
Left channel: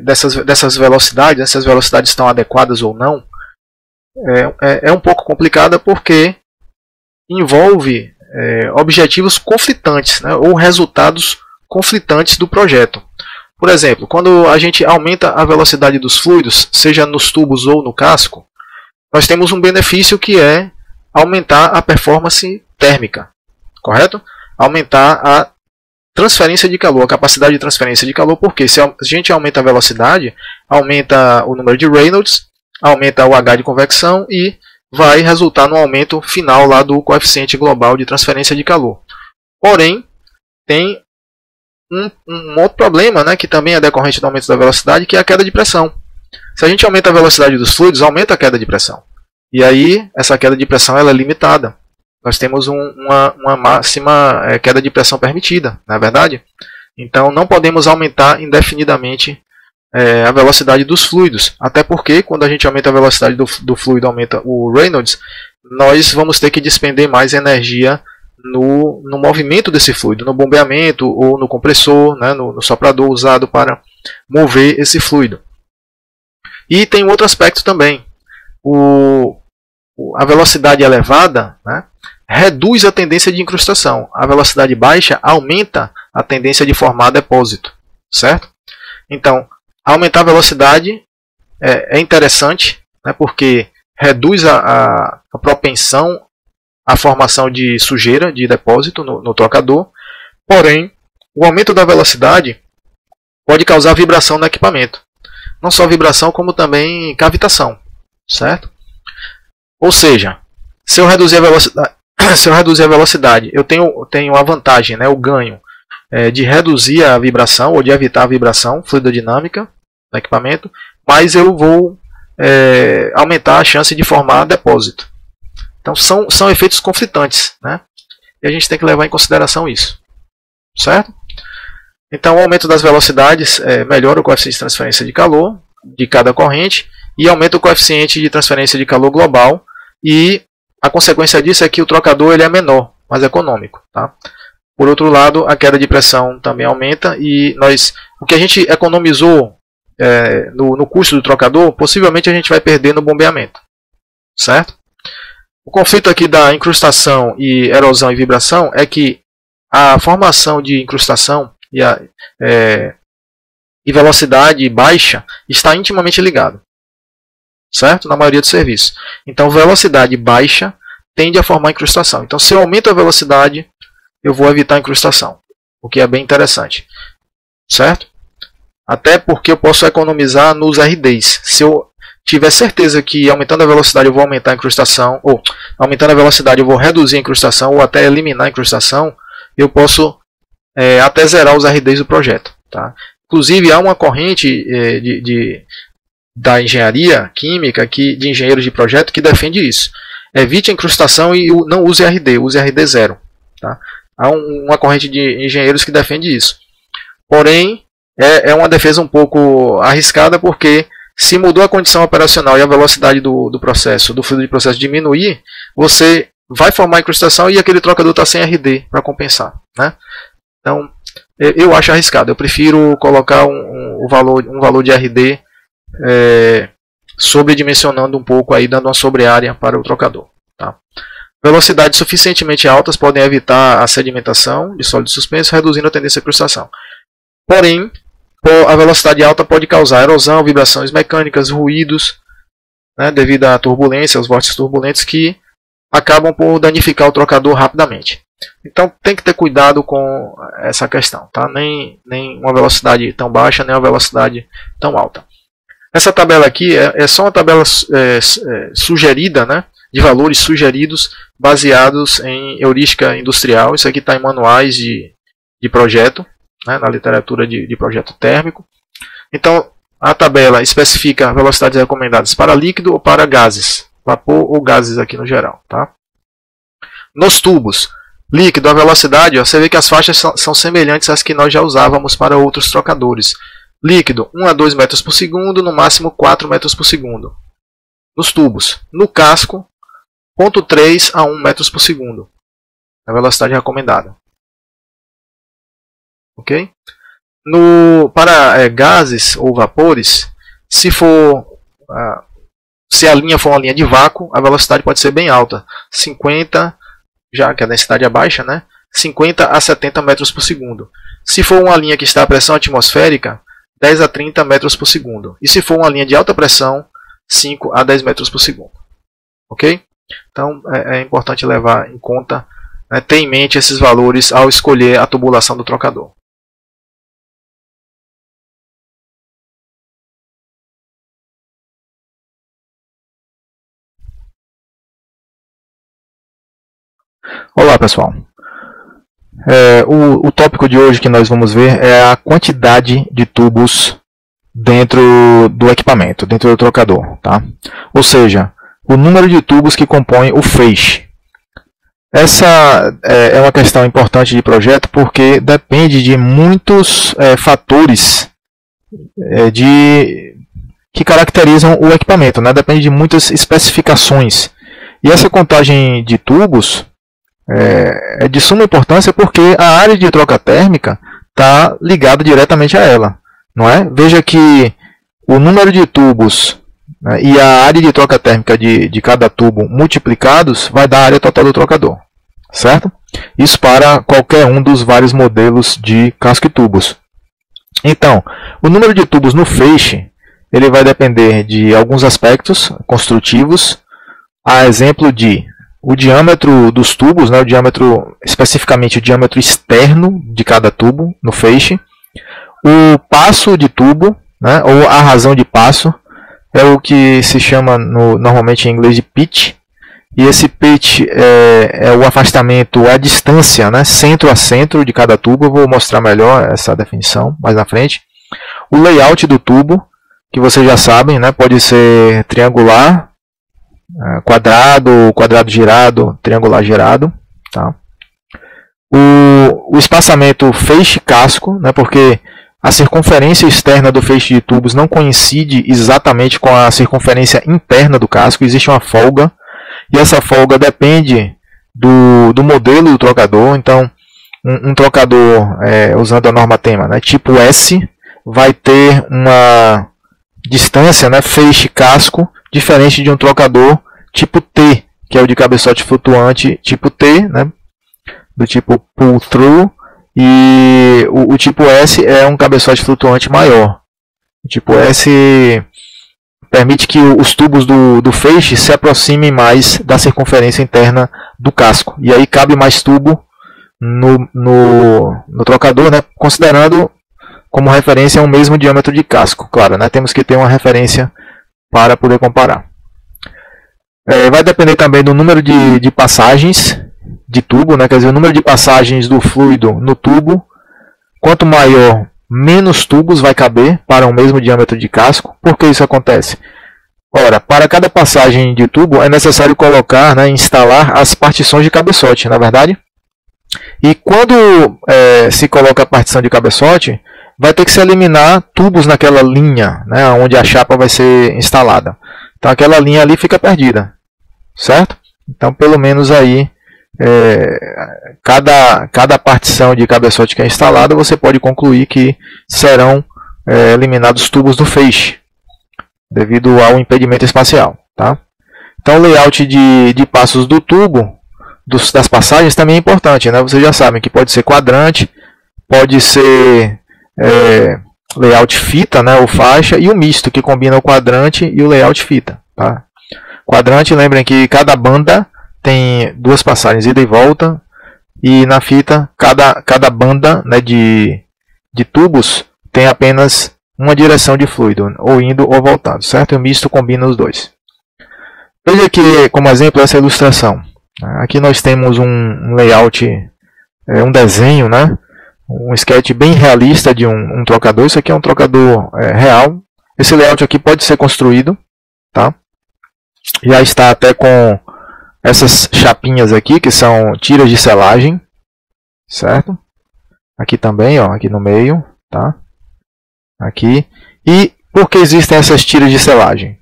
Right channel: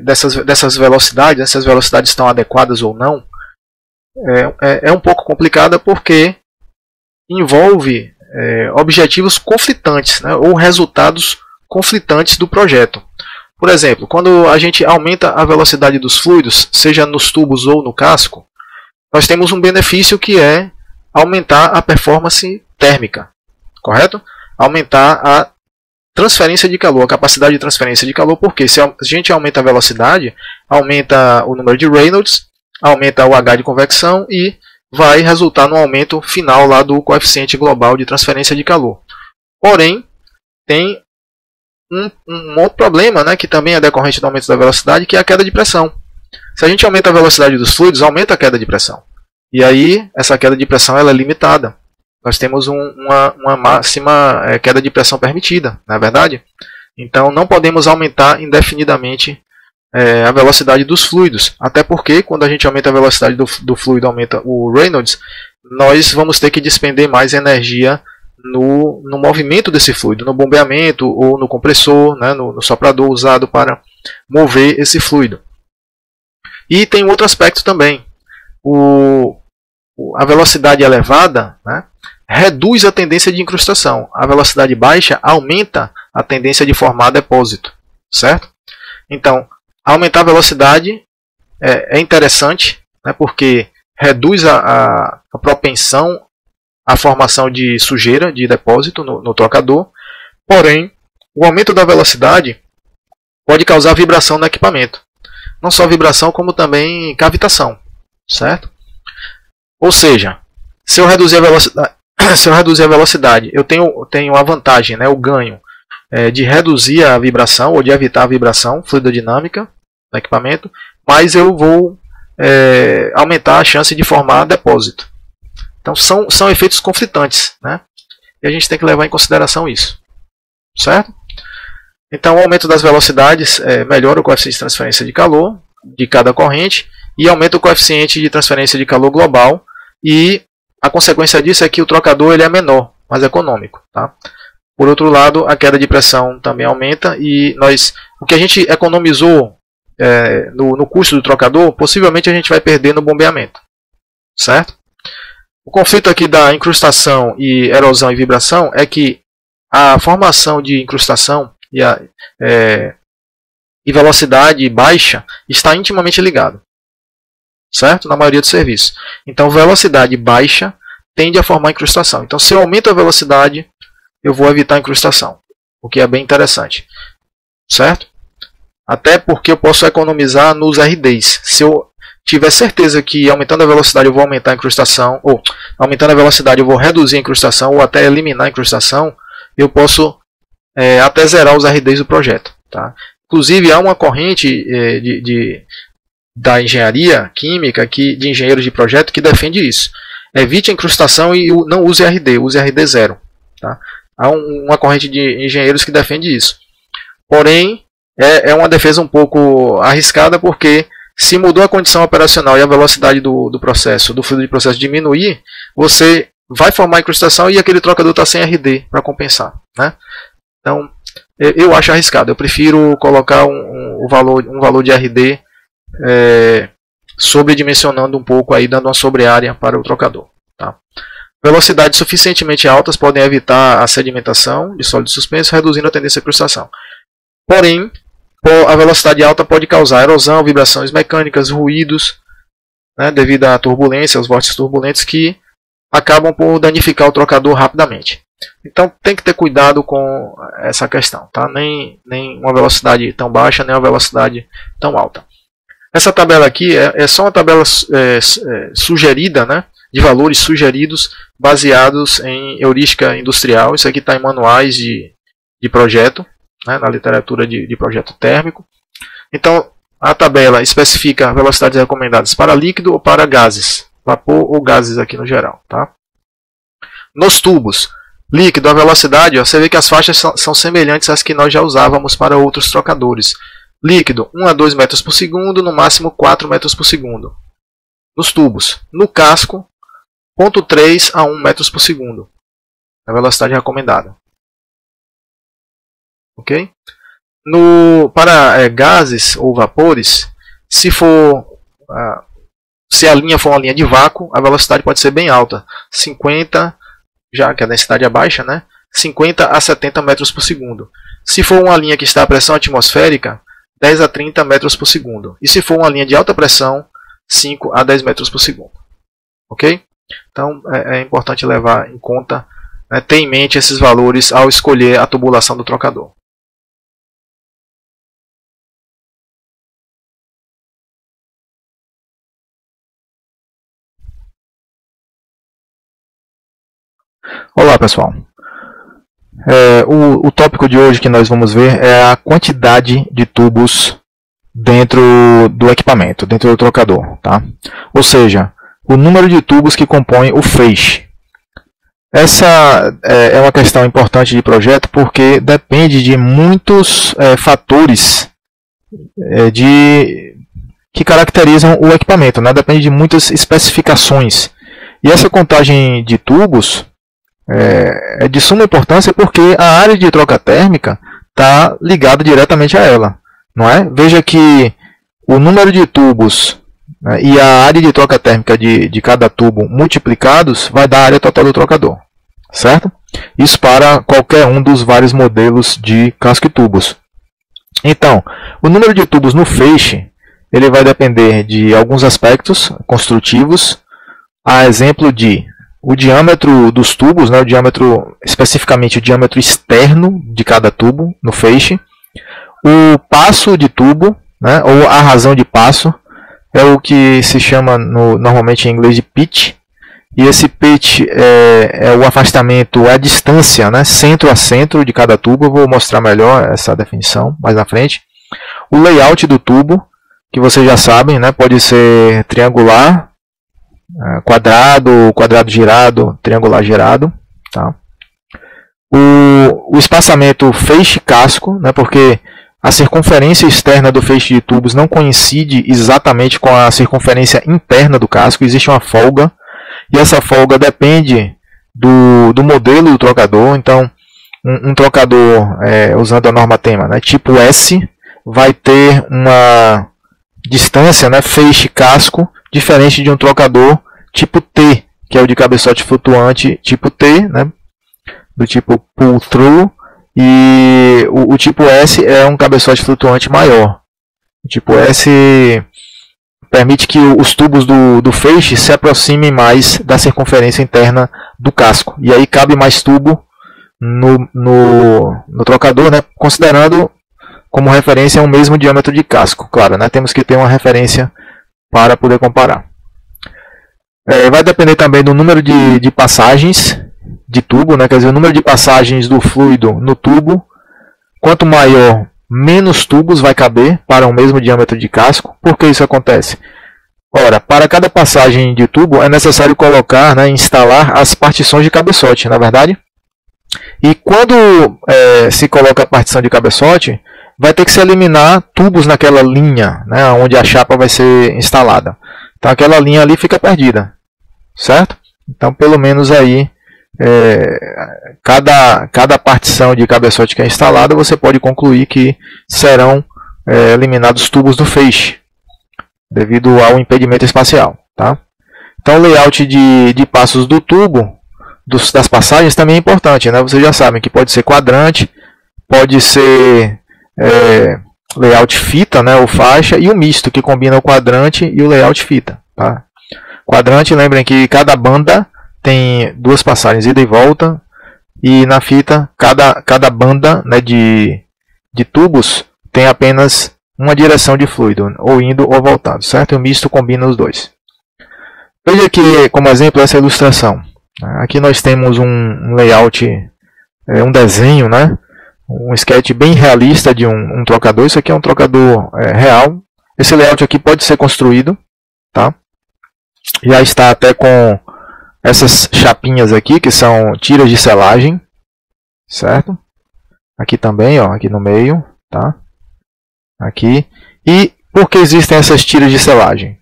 dessas velocidades, se as velocidades estão adequadas ou não, é um pouco complicada porque envolve objetivos conflitantes, né, ou resultados conflitantes do projeto. Por exemplo, quando a gente aumenta a velocidade dos fluidos, seja nos tubos ou no casco, nós temos um benefício que é aumentar a performance térmica, correto? Aumentar a transferência de calor, a capacidade de transferência de calor, porque se a gente aumenta a velocidade, aumenta o número de Reynolds, aumenta o H de convecção e vai resultar no aumento final lá do coeficiente global de transferência de calor. Porém, tem um outro problema, né, que também é decorrente do aumento da velocidade, que é a queda de pressão. Se a gente aumenta a velocidade dos fluidos, aumenta a queda de pressão. E aí, essa queda de pressão ela é limitada. Nós temos uma máxima queda de pressão permitida, não é verdade? Então, não podemos aumentar indefinidamente a velocidade dos fluidos. Até porque, quando a gente aumenta a velocidade do fluido, aumenta o Reynolds, nós vamos ter que despender mais energia no movimento desse fluido, no bombeamento ou no compressor, né, no soprador usado para mover esse fluido. E tem outro aspecto também. A velocidade elevada, né, reduz a tendência de incrustação. A velocidade baixa aumenta a tendência de formar depósito. Certo? Então, aumentar a velocidade é interessante, né, porque reduz a propensão à formação de sujeira, de depósito no trocador. Porém, o aumento da velocidade pode causar vibração no equipamento. Não só vibração, como também cavitação. Certo? Ou seja, se eu reduzir a velocidade, eu tenho a vantagem, né, o ganho de reduzir a vibração ou de evitar a vibração fluidodinâmica do equipamento, mas eu vou aumentar a chance de formar depósito. Então são efeitos conflitantes, né? E a gente tem que levar em consideração isso. Certo? Então o aumento das velocidades melhora o coeficiente de transferência de calor de cada corrente e aumenta o coeficiente de transferência de calor global, e a consequência disso é que o trocador ele é menor, mais econômico. Tá? Por outro lado, a queda de pressão também aumenta e o que a gente economizou no custo do trocador, possivelmente a gente vai perder no bombeamento. Certo? O conflito aqui da incrustação e erosão e vibração é que a formação de incrustação e velocidade baixa está intimamente ligado. Certo? Na maioria dos serviços. Então, velocidade baixa tende a formar incrustação. Então, se eu aumento a velocidade, eu vou evitar a incrustação, o que é bem interessante. Certo? Até porque eu posso economizar nos RDs. Se eu tiver certeza que aumentando a velocidade eu vou aumentar a incrustação, ou aumentando a velocidade eu vou reduzir a incrustação, ou até eliminar a incrustação, eu posso até zerar os RDs do projeto. Tá? Inclusive, há uma corrente da engenharia química, de engenheiros de projeto, que defende isso. Evite a incrustação e não use RD, use RD zero. Tá? Há uma corrente de engenheiros que defende isso. Porém, é uma defesa um pouco arriscada, porque se mudou a condição operacional e a velocidade do processo, do fluido de processo diminuir, você vai formar incrustação e aquele trocador está sem RD para compensar. Né? Então, eu acho arriscado. Eu prefiro colocar um valor de RD sobredimensionando um pouco, aí, dando uma sobreárea para o trocador. Tá? Porém, a velocidade alta pode causar erosão, vibrações mecânicas, ruídos, né, devido à turbulência, aos vórtices turbulentos, que acabam por danificar o trocador rapidamente. Então tem que ter cuidado com essa questão, tá? Nem uma velocidade tão baixa, nem uma velocidade tão alta. Essa tabela aqui é só uma tabela sugerida, né? De valores sugeridos baseados em heurística industrial. Isso aqui está em manuais de projeto, né? Na literatura de projeto térmico. A tabela especifica velocidades recomendadas para líquido ou para gases, vapor ou gases aqui no geral, tá? Nos tubos líquido, a velocidade, você vê que as faixas são semelhantes às que nós já usávamos para outros trocadores. Líquido, 1 a 2 metros por segundo, no máximo 4 metros por segundo. Nos tubos, no casco, 0,3 a 1 metros por segundo. A velocidade recomendada. Ok? Para gases ou vapores, se a linha for uma linha de vácuo, a velocidade pode ser bem alta. 50, já que a densidade é baixa, né? 50 a 70 metros por segundo. Se for uma linha que está a pressão atmosférica, 10 a 30 metros por segundo. E se for uma linha de alta pressão, 5 a 10 metros por segundo. Ok? Então é importante levar em conta, né, ter em mente esses valores ao escolher a tubulação do trocador. Olá pessoal, o tópico de hoje que nós vamos ver é a quantidade de tubos dentro do equipamento, dentro do trocador, tá? Ou seja, o número de tubos que compõem o feixe. Essa é uma questão importante de projeto porque depende de muitos fatores que caracterizam o equipamento, né? Depende de muitas especificações. E essa contagem de tubos é de suma importância porque a área de troca térmica está ligada diretamente a ela, não é? Veja que o número de tubos, né, e a área de troca térmica de cada tubo multiplicados vai dar a área total do trocador, certo? Isso para qualquer um dos vários modelos de casco e tubos. Então, o número de tubos no feixe ele vai depender de alguns aspectos construtivos, a exemplo de o diâmetro dos tubos, né, especificamente o diâmetro externo de cada tubo no feixe, o passo de tubo, né, ou a razão de passo, é o que se chama normalmente em inglês de pitch, e esse pitch é o afastamento, a distância, né, centro a centro de cada tubo. Eu vou mostrar melhor essa definição mais na frente. O layout do tubo, que vocês já sabem, né, pode ser triangular, quadrado, quadrado girado, triangular girado, tá? O espaçamento feixe-casco, né, porque a circunferência externa do feixe de tubos não coincide exatamente com a circunferência interna do casco, existe uma folga, e essa folga depende do modelo do trocador. Então, um trocador usando a norma TEMA, né, tipo S, vai ter uma distância, né, feixe-casco, diferente de um trocador tipo T, que é o de cabeçote flutuante tipo T, né, do tipo pull-through, e o tipo S é um cabeçote flutuante maior. O tipo S permite que os tubos do feixe se aproximem mais da circunferência interna do casco, e aí cabe mais tubo no trocador, né, considerando como referência o mesmo diâmetro de casco. Claro, né, temos que ter uma referência para poder comparar. Vai depender também do número de passagens de tubo, né? Quer dizer, o número de passagens do fluido no tubo. Quanto maior, menos tubos vai caber para o mesmo diâmetro de casco. Por que isso acontece? Ora, para cada passagem de tubo é necessário colocar, né, instalar a partição de cabeçote, não é verdade? E quando se coloca a partição de cabeçote, vai ter que se eliminar tubos naquela linha, né, onde a chapa vai ser instalada. Então aquela linha ali fica perdida, certo? Então pelo menos aí, cada partição de cabeçote que é instalada, você pode concluir que serão eliminados tubos do feixe, devido ao impedimento espacial, tá? Então o layout de passos do tubo, das passagens, também é importante, né? Vocês já sabem que pode ser quadrante, pode ser layout fita, né, ou faixa, e o misto, que combina o quadrante e o layout fita, tá? Quadrante, lembrem que cada banda tem duas passagens, ida e volta, E na fita, cada banda, né, de tubos tem apenas uma direção de fluido, ou indo ou voltando, certo? E o misto combina os dois. Ele aqui como exemplo essa ilustração. Aqui nós temos um layout, um desenho, né? Um sketch bem realista de um trocador. Isso aqui é um trocador real. Esse layout aqui pode ser construído, tá? Já está até com essas chapinhas aqui, que são tiras de selagem, certo? Aqui também, ó, aqui no meio, tá? Aqui. E por que existem essas tiras de selagem?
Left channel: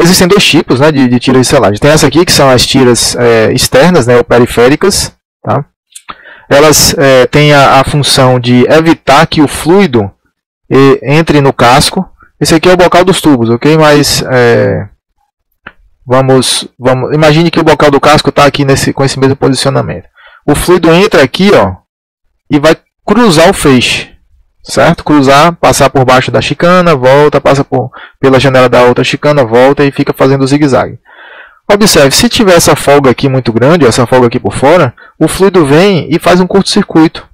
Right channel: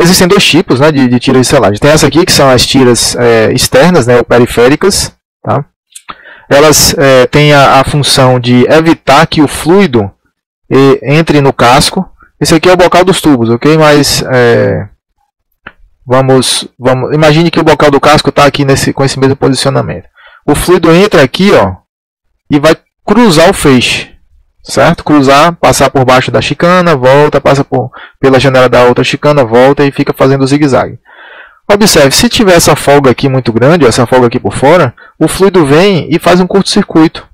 Existem dois tipos, né, de tiras de selagem. Tem essa aqui, que são as tiras externas, né, periféricas, tá? Elas têm a função de evitar que o fluido entre no casco. Esse aqui é o bocal dos tubos, ok? Mas imagine que o bocal do casco está aqui com esse mesmo posicionamento. O fluido entra aqui, ó, e vai cruzar o feixe, certo? Cruzar, passar por baixo da chicana, volta, passa pela janela da outra chicana, volta e fica fazendo zigue-zague. Observe, se tiver essa folga aqui muito grande, essa folga aqui por fora, o fluido vem e faz um curto-circuito.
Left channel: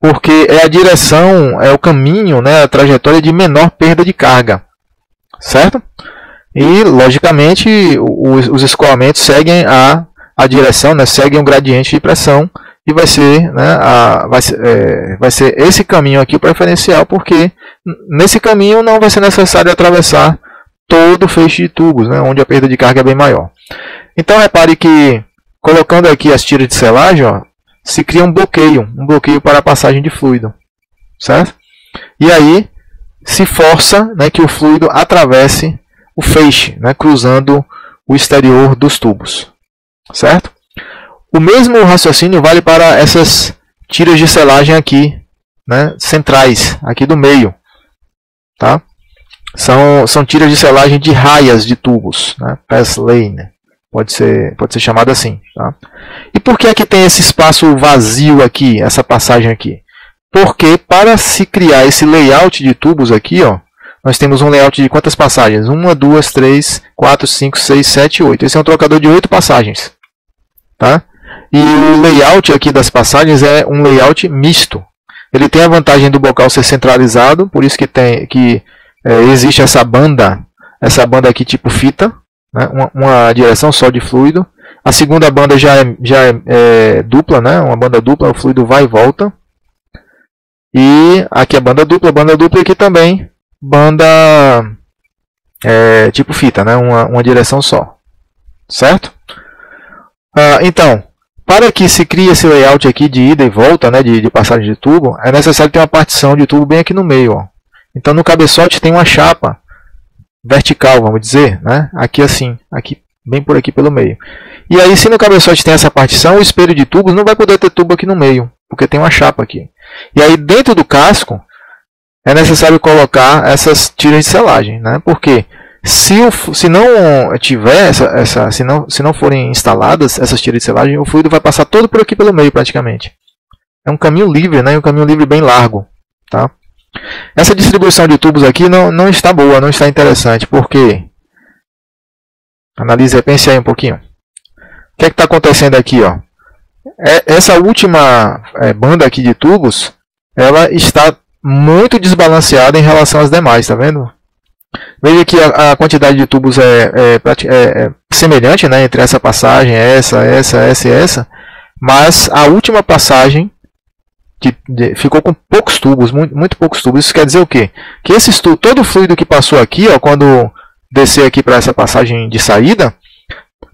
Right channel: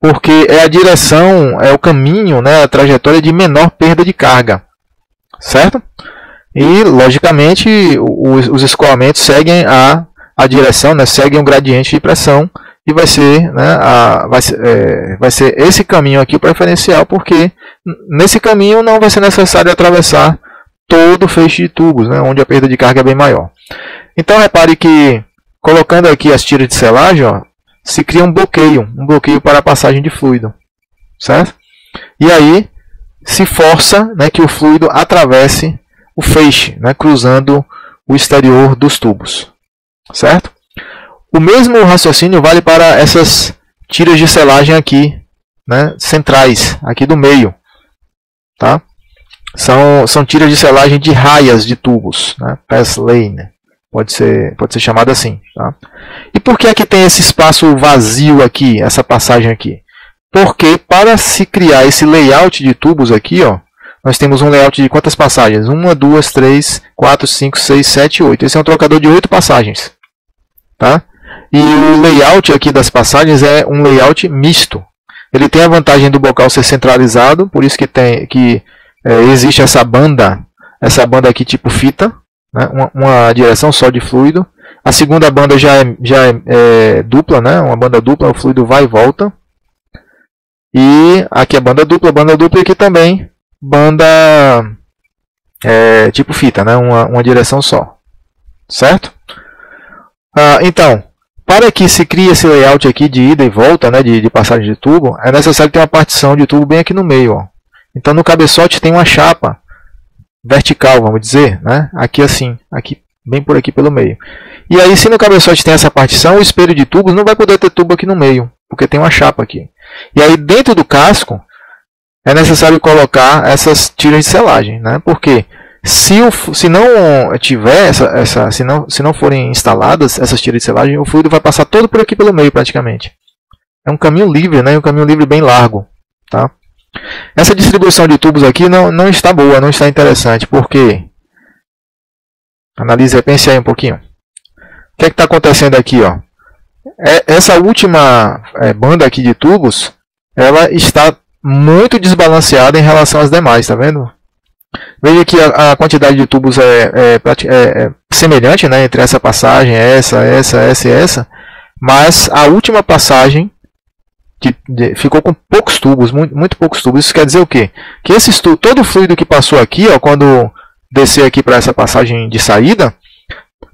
Porque é a direção, é o caminho, né, a trajetória de menor perda de carga. Certo? E, logicamente, os escoamentos seguem a direção, né, seguem o gradiente de pressão, e vai ser esse caminho aqui preferencial, porque nesse caminho não vai ser necessário atravessar todo o feixe de tubos, né, onde a perda de carga é bem maior. Então, repare que, colocando aqui as tiras de selagem, ó, se cria um bloqueio para a passagem de fluido, certo? E aí se força, né, que o fluido atravesse o feixe, né, cruzando o exterior dos tubos, certo? O mesmo raciocínio vale para essas tiras de selagem aqui, né, centrais, aqui do meio, tá? São tiras de selagem de raias de tubos, né, pass lane. Pode ser chamado assim. Tá? E por que é que tem esse espaço vazio aqui, essa passagem aqui? Porque para se criar esse layout de tubos aqui, ó, nós temos um layout de quantas passagens? 1, 2, 3, 4, 5, 6, 7, 8. Esse é um trocador de 8 passagens. Tá? E o layout aqui das passagens é um layout misto. Ele tem a vantagem do bocal ser centralizado, por isso que existe essa banda aqui tipo fita. Uma direção só de fluido. A segunda banda já é dupla, né? Uma banda dupla, o fluido vai e volta. E aqui a banda dupla e aqui também banda tipo fita, né? Uma direção só, certo? Então, para que se crie esse layout aqui de ida e volta, né? De passagem de tubo, é necessário ter uma partição de tubo bem aqui no meio, ó. Então no cabeçote tem uma chapa vertical, vamos dizer, né? Aqui assim, aqui bem por aqui pelo meio. E aí, se no cabeçote tem essa partição, o espelho de tubos não vai poder ter tubo aqui no meio, porque tem uma chapa aqui. E aí, dentro do casco, é necessário colocar essas tiras de selagem, né? Porque se não tiver se não forem instaladas essas tiras de selagem, o fluido vai passar todo por aqui pelo meio, praticamente. É um caminho livre, né? Um caminho livre bem largo, tá? Essa distribuição de tubos aqui não está boa, não está interessante, porque analise, pense aí um pouquinho. O que é que está acontecendo aqui, ó? Essa última banda aqui de tubos, ela está muito desbalanceada em relação às demais, tá vendo? Veja que a quantidade de tubos é semelhante, né, entre essa passagem, essa e essa, mas a última passagem ficou com poucos tubos, muito poucos tubos. Isso quer dizer o quê? Que todo o fluido que passou aqui, ó, quando descer aqui para essa passagem de saída,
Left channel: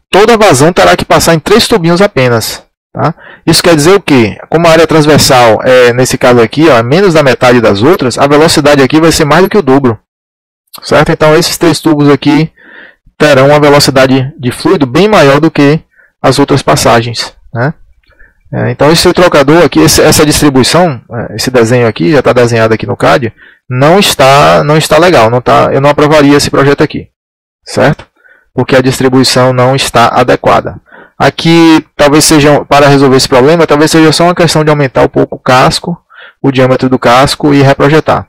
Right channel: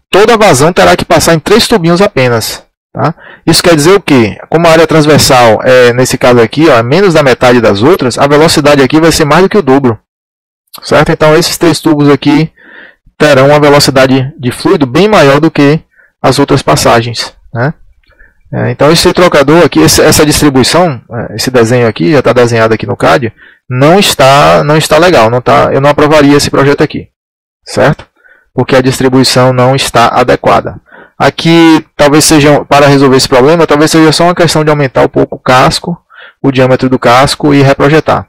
toda a vazão terá que passar em 3 tubinhos apenas. Tá? Isso quer dizer o quê? Como a área transversal nesse caso aqui, ó, é menos da metade das outras, a velocidade aqui vai ser mais do que o dobro. Certo? Então esses 3 tubos aqui terão uma velocidade de fluido bem maior do que as outras passagens, né? Então esse trocador aqui, essa distribuição, esse desenho aqui, já está desenhado aqui no CAD, não está legal, eu não aprovaria esse projeto aqui, certo? Porque a distribuição não está adequada. Aqui, talvez seja, para resolver esse problema, talvez seja só uma questão de aumentar um pouco o casco, o diâmetro do casco e reprojetar.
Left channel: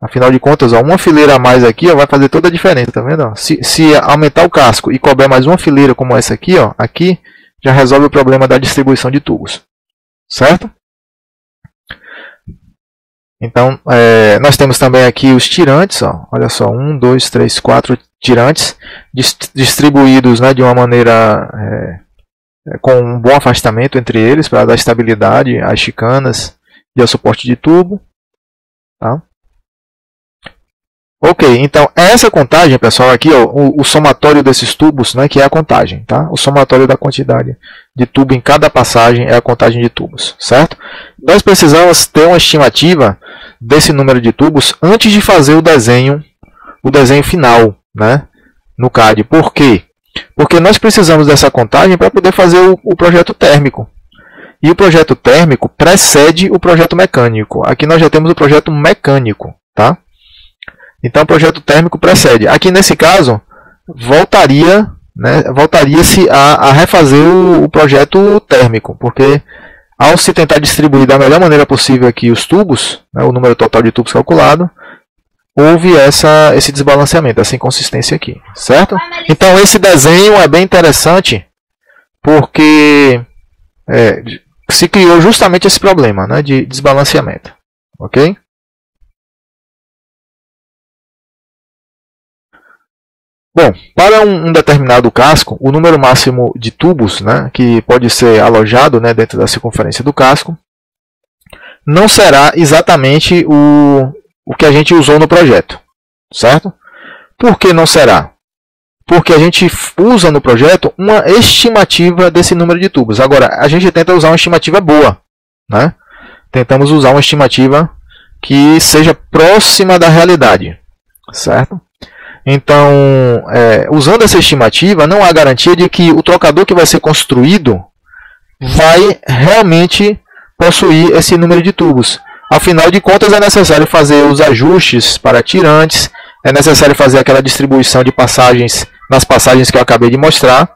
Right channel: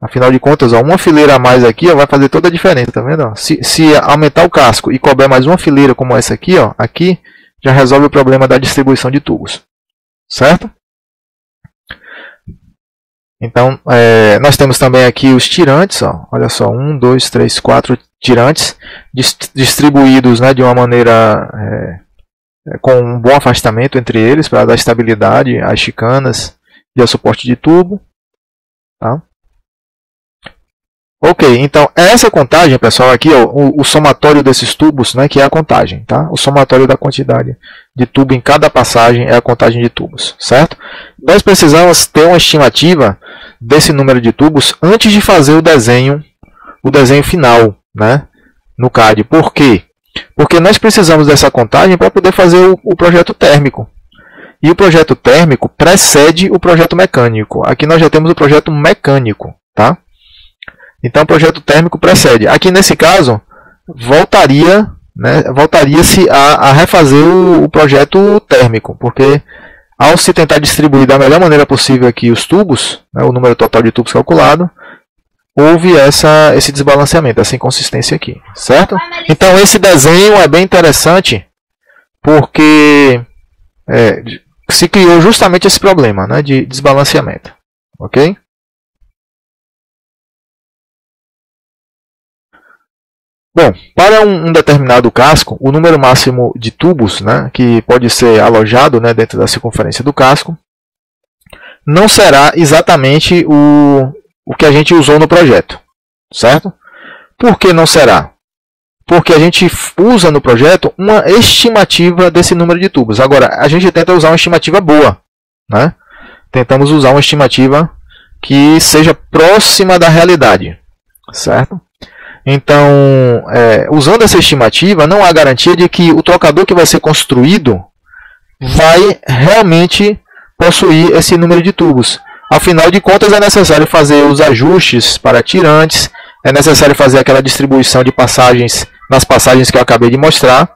Afinal de contas, ó, uma fileira a mais aqui, ó, vai fazer toda a diferença, tá vendo? Se aumentar o casco e couber mais uma fileira como essa aqui, ó, aqui já resolve o problema da distribuição de tubos. Certo? Então, nós temos também aqui os tirantes. Ó. Olha só, 1, 2, 3, 4 tirantes distribuídos, né, de uma maneira com um bom afastamento entre eles para dar estabilidade às chicanas e ao suporte de tubo. Ok, então essa contagem, pessoal, aqui ó, o somatório desses tubos, né, que é a contagem, tá? O somatório da quantidade de tubo em cada passagem é a contagem de tubos, certo? Nós precisamos ter uma estimativa desse número de tubos antes de fazer o desenho final, né, no CAD. Por quê? Porque nós precisamos dessa contagem para poder fazer o projeto térmico. E o projeto térmico precede o projeto mecânico. Aqui nós já temos o projeto mecânico, tá? Então, o projeto térmico precede. Aqui, nesse caso, voltaria-se a refazer o projeto térmico, porque ao se tentar distribuir da melhor maneira possível aqui os tubos, né, o número total de tubos calculado, houve esse desbalanceamento, essa inconsistência aqui, certo? Então, esse desenho é bem interessante, porque se criou justamente esse problema, né, de desbalanceamento, ok? Bom, para um determinado casco, o número máximo de tubos, né, que pode ser alojado, né, dentro da circunferência do casco, não será exatamente o que a gente usou no projeto, certo? Por que não será? Porque a gente usa no projeto uma estimativa desse número de tubos. Agora, a gente tenta usar uma estimativa boa, né? Tentamos usar uma estimativa que seja próxima da realidade, certo? Então, usando essa estimativa, não há garantia de que o trocador que vai ser construído vai realmente possuir esse número de tubos. Afinal de contas, é necessário fazer os ajustes para tirantes, é necessário fazer aquela distribuição de passagens nas passagens que eu acabei de mostrar.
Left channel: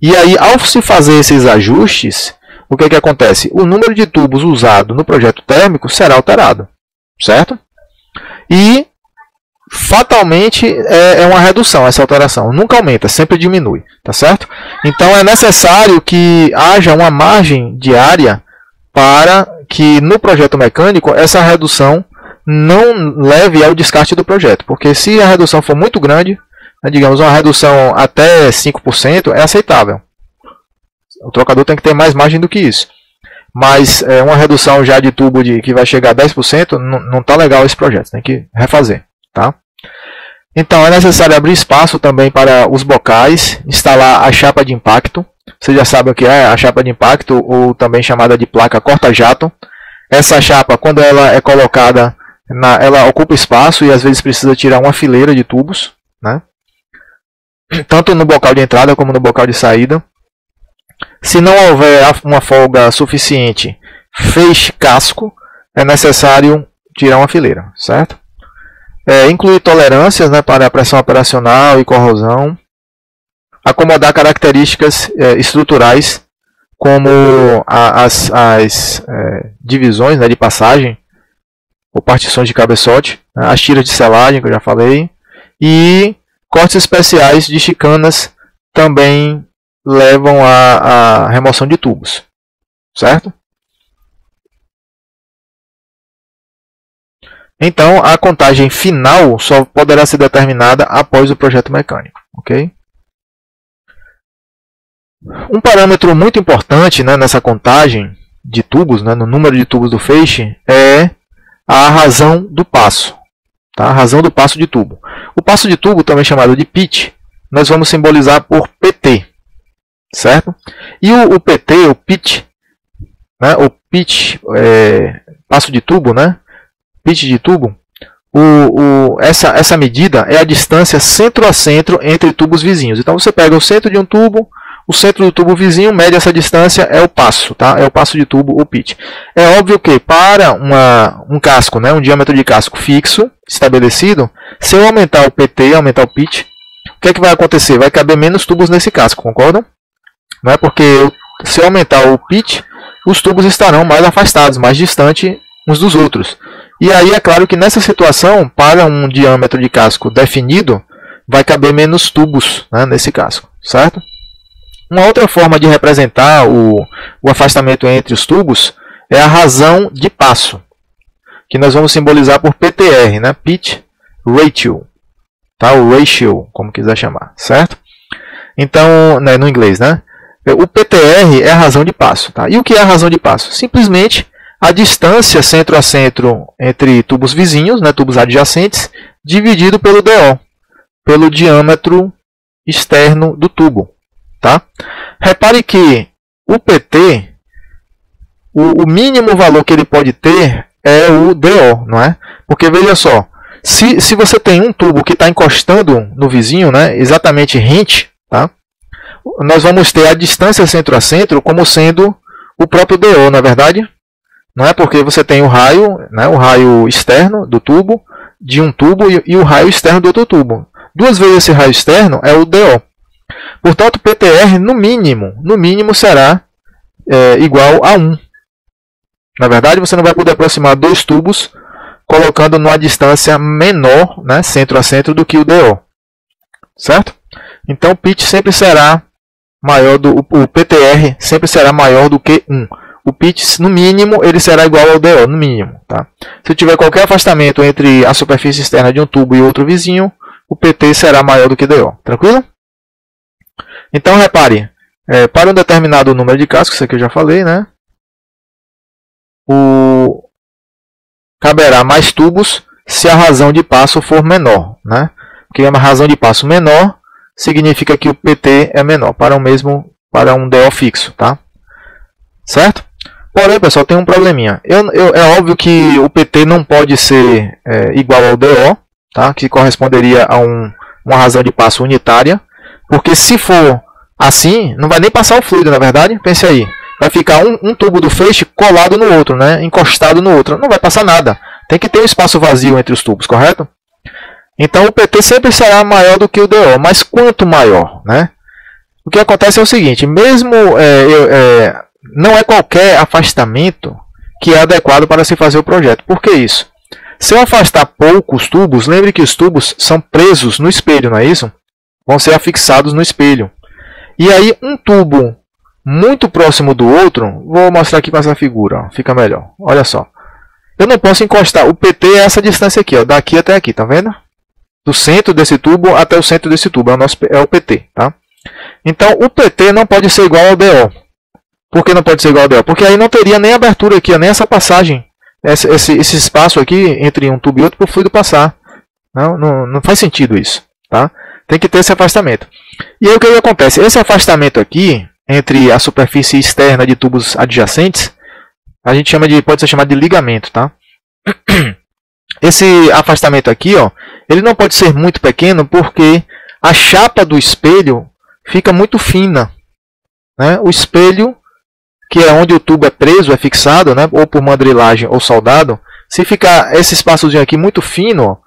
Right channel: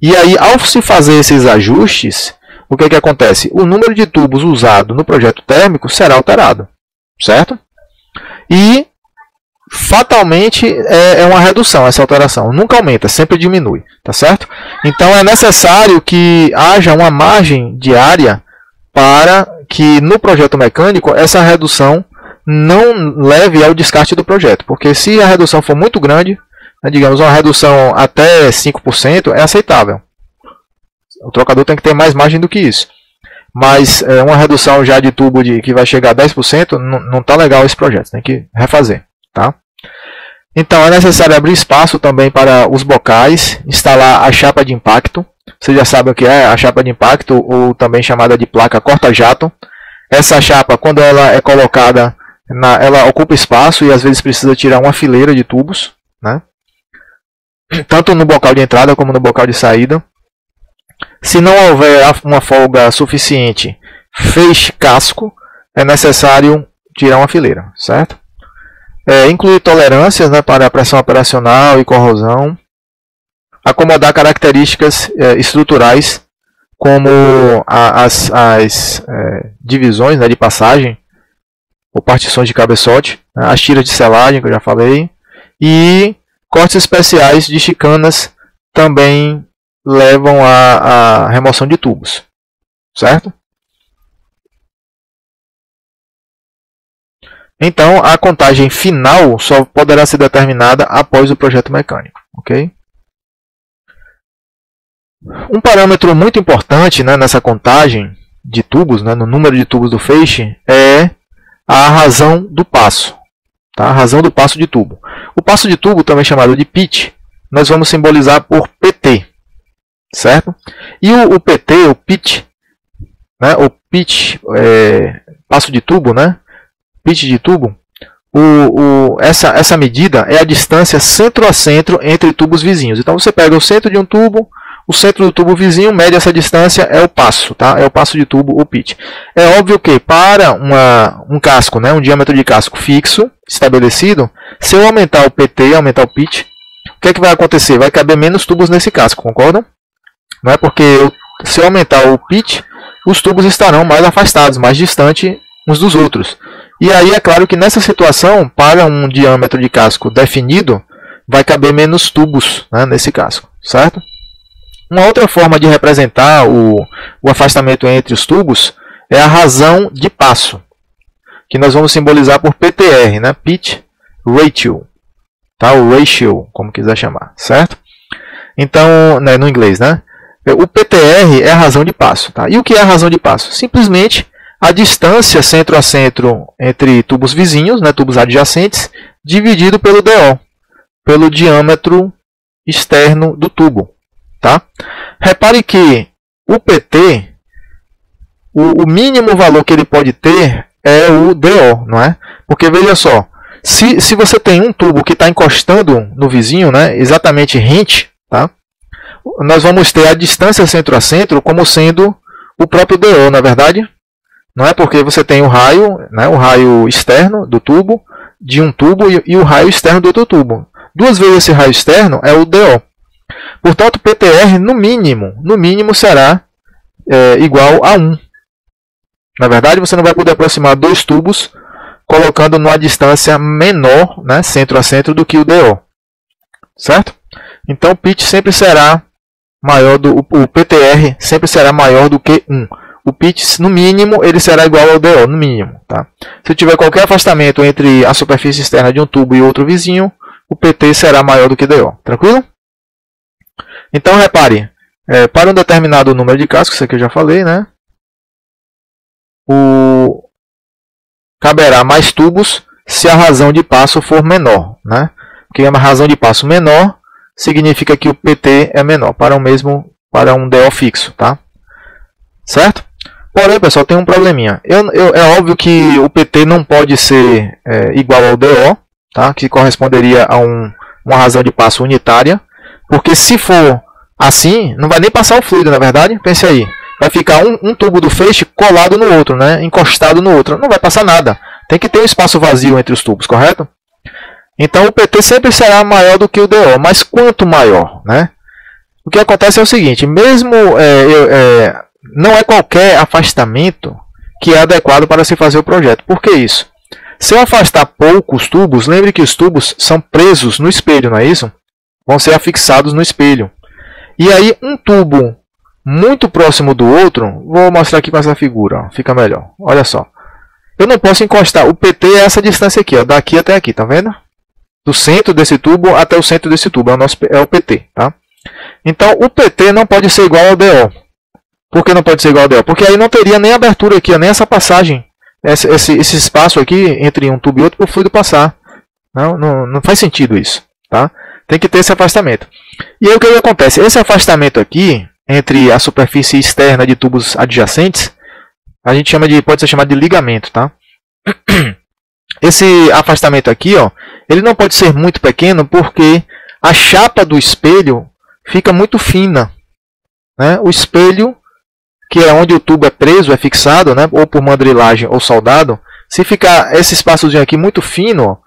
E aí, ao se fazer esses ajustes, o que acontece? O número de tubos usado no projeto térmico será alterado. Certo? E fatalmente é uma redução essa alteração, nunca aumenta, sempre diminui, tá certo? Então é necessário que haja uma margem de área para que no projeto mecânico essa redução não leve ao descarte do projeto, porque se a redução for muito grande, digamos uma redução até 5%, é aceitável. O trocador tem que ter mais margem do que isso. Mas uma redução já de tubo que vai chegar a 10%, não está legal esse projeto, tem que refazer. Tá? Então é necessário abrir espaço também para os bocais, instalar a chapa de impacto. Vocês já sabem o que é a chapa de impacto, ou também chamada de placa corta-jato. Essa chapa, quando ela é colocada, ela ocupa espaço e às vezes precisa tirar uma fileira de tubos, né? Tanto no bocal de entrada como no bocal de saída. Se não houver uma folga suficiente, feixe casco, é necessário tirar uma fileira, certo? Incluir tolerâncias, né, para pressão operacional e corrosão. Acomodar características estruturais, como as divisões, né, de passagem, ou partições de cabeçote, né, as tiras de selagem, que eu já falei, e também levam à remoção de tubos, certo? Então, a contagem final só poderá ser determinada após o projeto mecânico, ok? Um parâmetro muito importante, né, nessa contagem de tubos, né, no número de tubos do feixe, é a razão do passo. Tá? A razão do passo de tubo. O passo de tubo, também chamado de pitch, nós vamos simbolizar por PT. Certo? E o PT, o pitch, né, o pitch, pitch de tubo, essa medida é a distância centro a centro entre tubos vizinhos. Então você pega o centro de um tubo, o centro do tubo vizinho, mede essa distância, é o passo, tá? É o passo de tubo, o pitch. É óbvio que para um casco, né, um diâmetro de casco fixo, estabelecido, se eu aumentar o PT, aumentar o pitch, o que é que vai acontecer? Vai caber menos tubos nesse casco, concordam? Não é porque se eu aumentar o pitch, os tubos estarão mais afastados, mais distantes uns dos outros. E aí é claro que nessa situação, para um diâmetro de casco definido, vai caber menos tubos, né, nesse casco, certo? Uma outra forma de representar afastamento entre os tubos é a razão de passo, que nós vamos simbolizar por PTR, né? Pitch Ratio, tá? O ratio, como quiser chamar, certo? Então, né, no inglês, né? O PTR é a razão de passo, tá? E o que é a razão de passo? Simplesmente a distância centro a centro entre tubos vizinhos, né, tubos adjacentes, dividido pelo DO, pelo diâmetro externo do tubo, tá? Repare que o PT tá? Nós vamos ter a distância centro a centro como sendo o próprio DO, na verdade. Não é porque você tem o raio, né, o raio externo do tubo, de um tubo, e o raio externo do outro tubo. Duas vezes esse raio externo é o DO. Portanto, o PTR, no mínimo será igual a 1. Na verdade, você não vai poder aproximar dois tubos colocando numa distância menor, né, centro a centro, do que o DO. Certo? Então, o pitch sempre será maior o PTR sempre será maior do que 1. O pitch, no mínimo, ele será igual ao DO, no mínimo. Tá? Se tiver qualquer afastamento entre a superfície externa de um tubo e outro vizinho, o PT será maior do que DO. Tranquilo? Então, repare, para um determinado número de cascos, isso aqui eu já falei, né? Caberá mais tubos se a razão de passo for menor. Né? Porque uma razão de passo menor significa que o PT é menor para um DO fixo. Tá? Certo? Porém, pessoal, tem um probleminha. É óbvio que o PT não pode ser igual ao DO, tá? Que corresponderia a uma razão de passo unitária, porque se for assim, não vai nem passar o fluido, na verdade. Pense aí, vai ficar um tubo do feixe colado no outro, né? Encostado no outro, não vai passar nada. Tem que ter um espaço vazio entre os tubos, correto? Então o PT sempre será maior do que o DO, mas quanto maior, né? O que acontece é o seguinte, mesmo não é qualquer afastamento que é adequado para se fazer o projeto. Por que isso? Se eu afastar poucos tubos, lembre que os tubos são presos no espelho, não é isso? Vão ser afixados no espelho. E aí um tubo muito próximo do outro, vou mostrar aqui com essa figura, ó, fica melhor. Olha só. Eu não posso encostar, o PT é essa distância aqui, ó, daqui até aqui, tá vendo? Do centro desse tubo até o centro desse tubo, é o PT, tá? Então o PT não pode ser igual ao DO. Por que não pode ser igual ao DO? Porque aí não teria nem abertura aqui, nem essa passagem, esse espaço aqui entre um tubo e outro para o fluido passar. Não faz sentido isso. Tá? Tem que ter esse afastamento. E aí o que acontece? Esse afastamento aqui, entre a superfície externa de tubos adjacentes, a gente pode ser chamado de ligamento. Tá? Esse afastamento aqui, ó, ele não pode ser muito pequeno porque a chapa do espelho fica muito fina. Né? O espelho, que é onde o tubo é preso, é fixado, né, ou por mandrilagem ou soldado, se ficar esse espaçozinho aqui muito fino,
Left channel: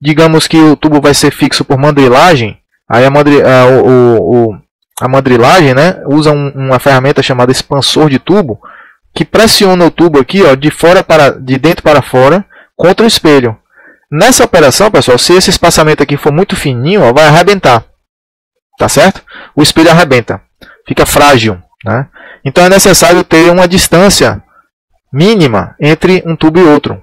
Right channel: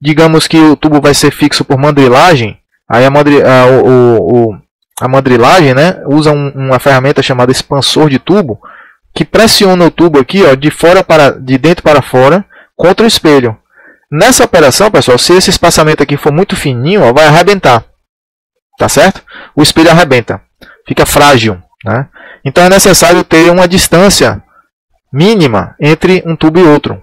digamos que o tubo vai ser fixo por mandrilagem, aí a mandrilagem, né, usa uma ferramenta chamada expansor de tubo, que pressiona o tubo aqui, ó, de dentro para fora, contra o espelho. Nessa operação, pessoal, se esse espaçamento aqui for muito fininho, ó, vai arrebentar. Tá certo? O espelho arrebenta. Fica frágil. Né? Então é necessário ter uma distância mínima entre um tubo e outro.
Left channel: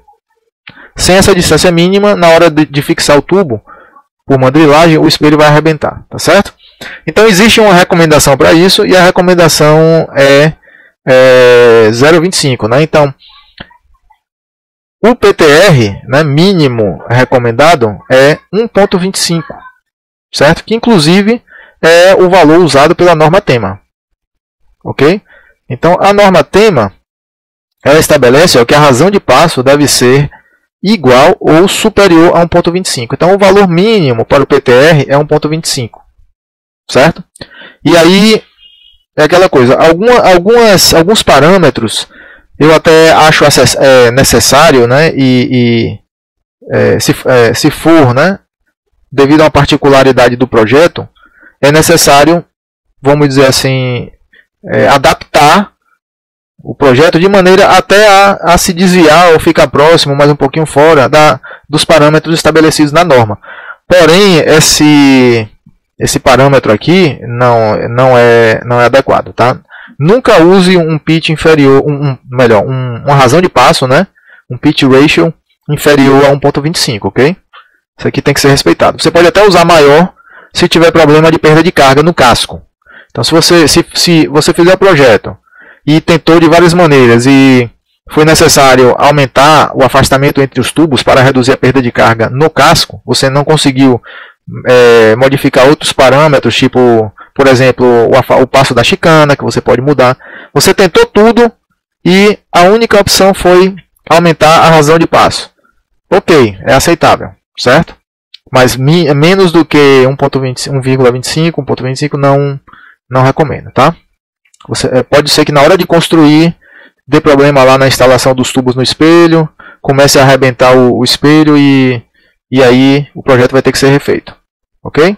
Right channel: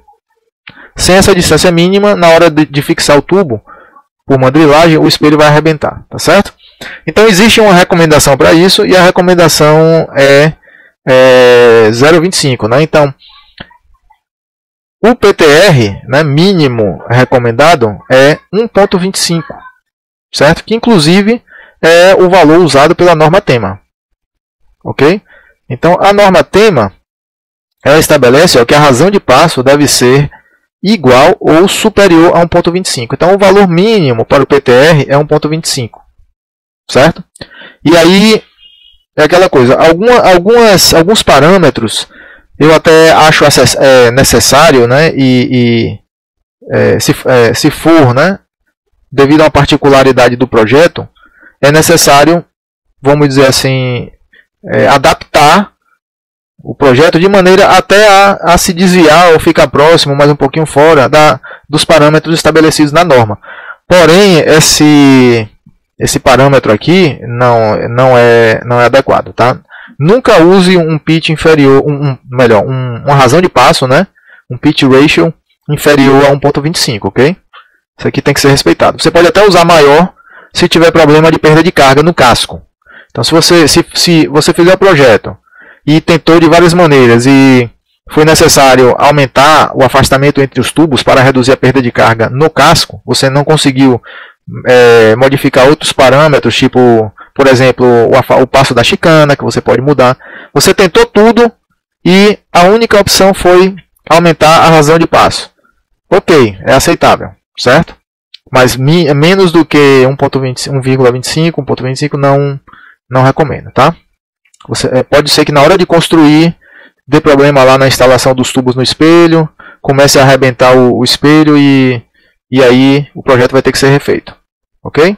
Sem essa distância mínima, na hora de fixar o tubo por mandrilagem, o espelho vai arrebentar. Tá certo? Então existe uma recomendação para isso, e a recomendação é 0,25. Né? Então, o PTR, né, mínimo recomendado é 1,25. Certo? Que inclusive é o valor usado pela norma tema. Ok? Então, a norma tema estabelece que a razão de passo deve ser igual ou superior a 1,25. Então, o valor mínimo para o PTR é 1,25. Certo? E aí, é aquela coisa, alguns parâmetros eu até acho necessário, né, se for, né, devido a uma particularidade do projeto, é necessário, vamos dizer assim, adaptar o projeto de maneira até a se desviar ou ficar próximo, mas um pouquinho fora dos parâmetros estabelecidos na norma. Porém, esse parâmetro aqui não é adequado. Tá? Nunca use um pitch inferior, uma razão de passo, né? Um pitch ratio inferior a 1.25, ok? Isso aqui tem que ser respeitado. Você pode até usar maior se tiver problema de perda de carga no casco. Então, se você fizer o projeto e tentou de várias maneiras e foi necessário aumentar o afastamento entre os tubos para reduzir a perda de carga no casco, você não conseguiu modificar outros parâmetros, tipo, por exemplo, o passo da chicana, que você pode mudar. Você tentou tudo e a única opção foi aumentar a razão de passo. Ok, é aceitável, certo? Mas menos do que 1.25, 1.25 não recomendo, tá? Pode ser que na hora de construir dê problema lá na instalação dos tubos no espelho, comece a arrebentar o espelho e aí o projeto vai ter que ser refeito, ok?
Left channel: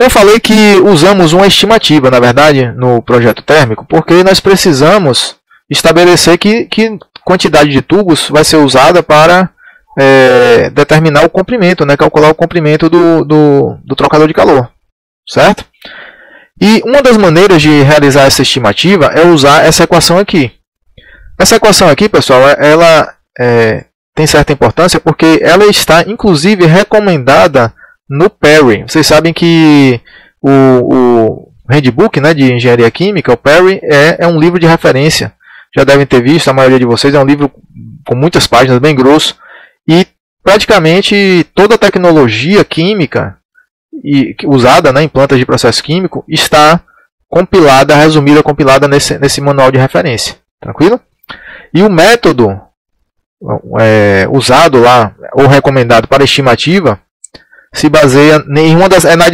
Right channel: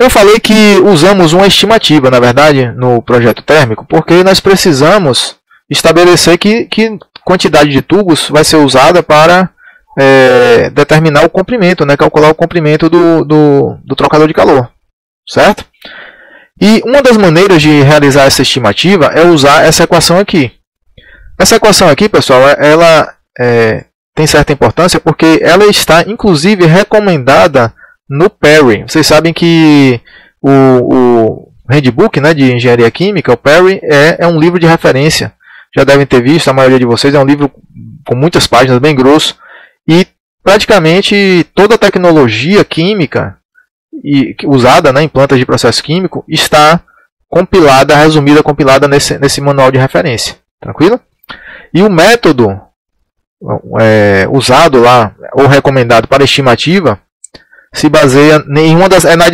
Eu falei que usamos uma estimativa, na verdade, no projeto térmico, porque nós precisamos estabelecer que quantidade de tubos vai ser usada para certo? E uma das maneiras de realizar essa estimativa é usar essa equação aqui. Essa equação aqui, pessoal, ela tem certa importância porque ela está, inclusive, recomendada no Perry. Vocês sabem que o Handbook, né, de Engenharia Química, o Perry, é um livro de referência. Já devem ter visto, a maioria de vocês, é um livro com muitas páginas, bem grosso. E praticamente toda a tecnologia química usada, né, em plantas de processo químico está compilada nesse manual de referência. Tranquilo? E o método usado lá, ou recomendado para estimativa, se baseia na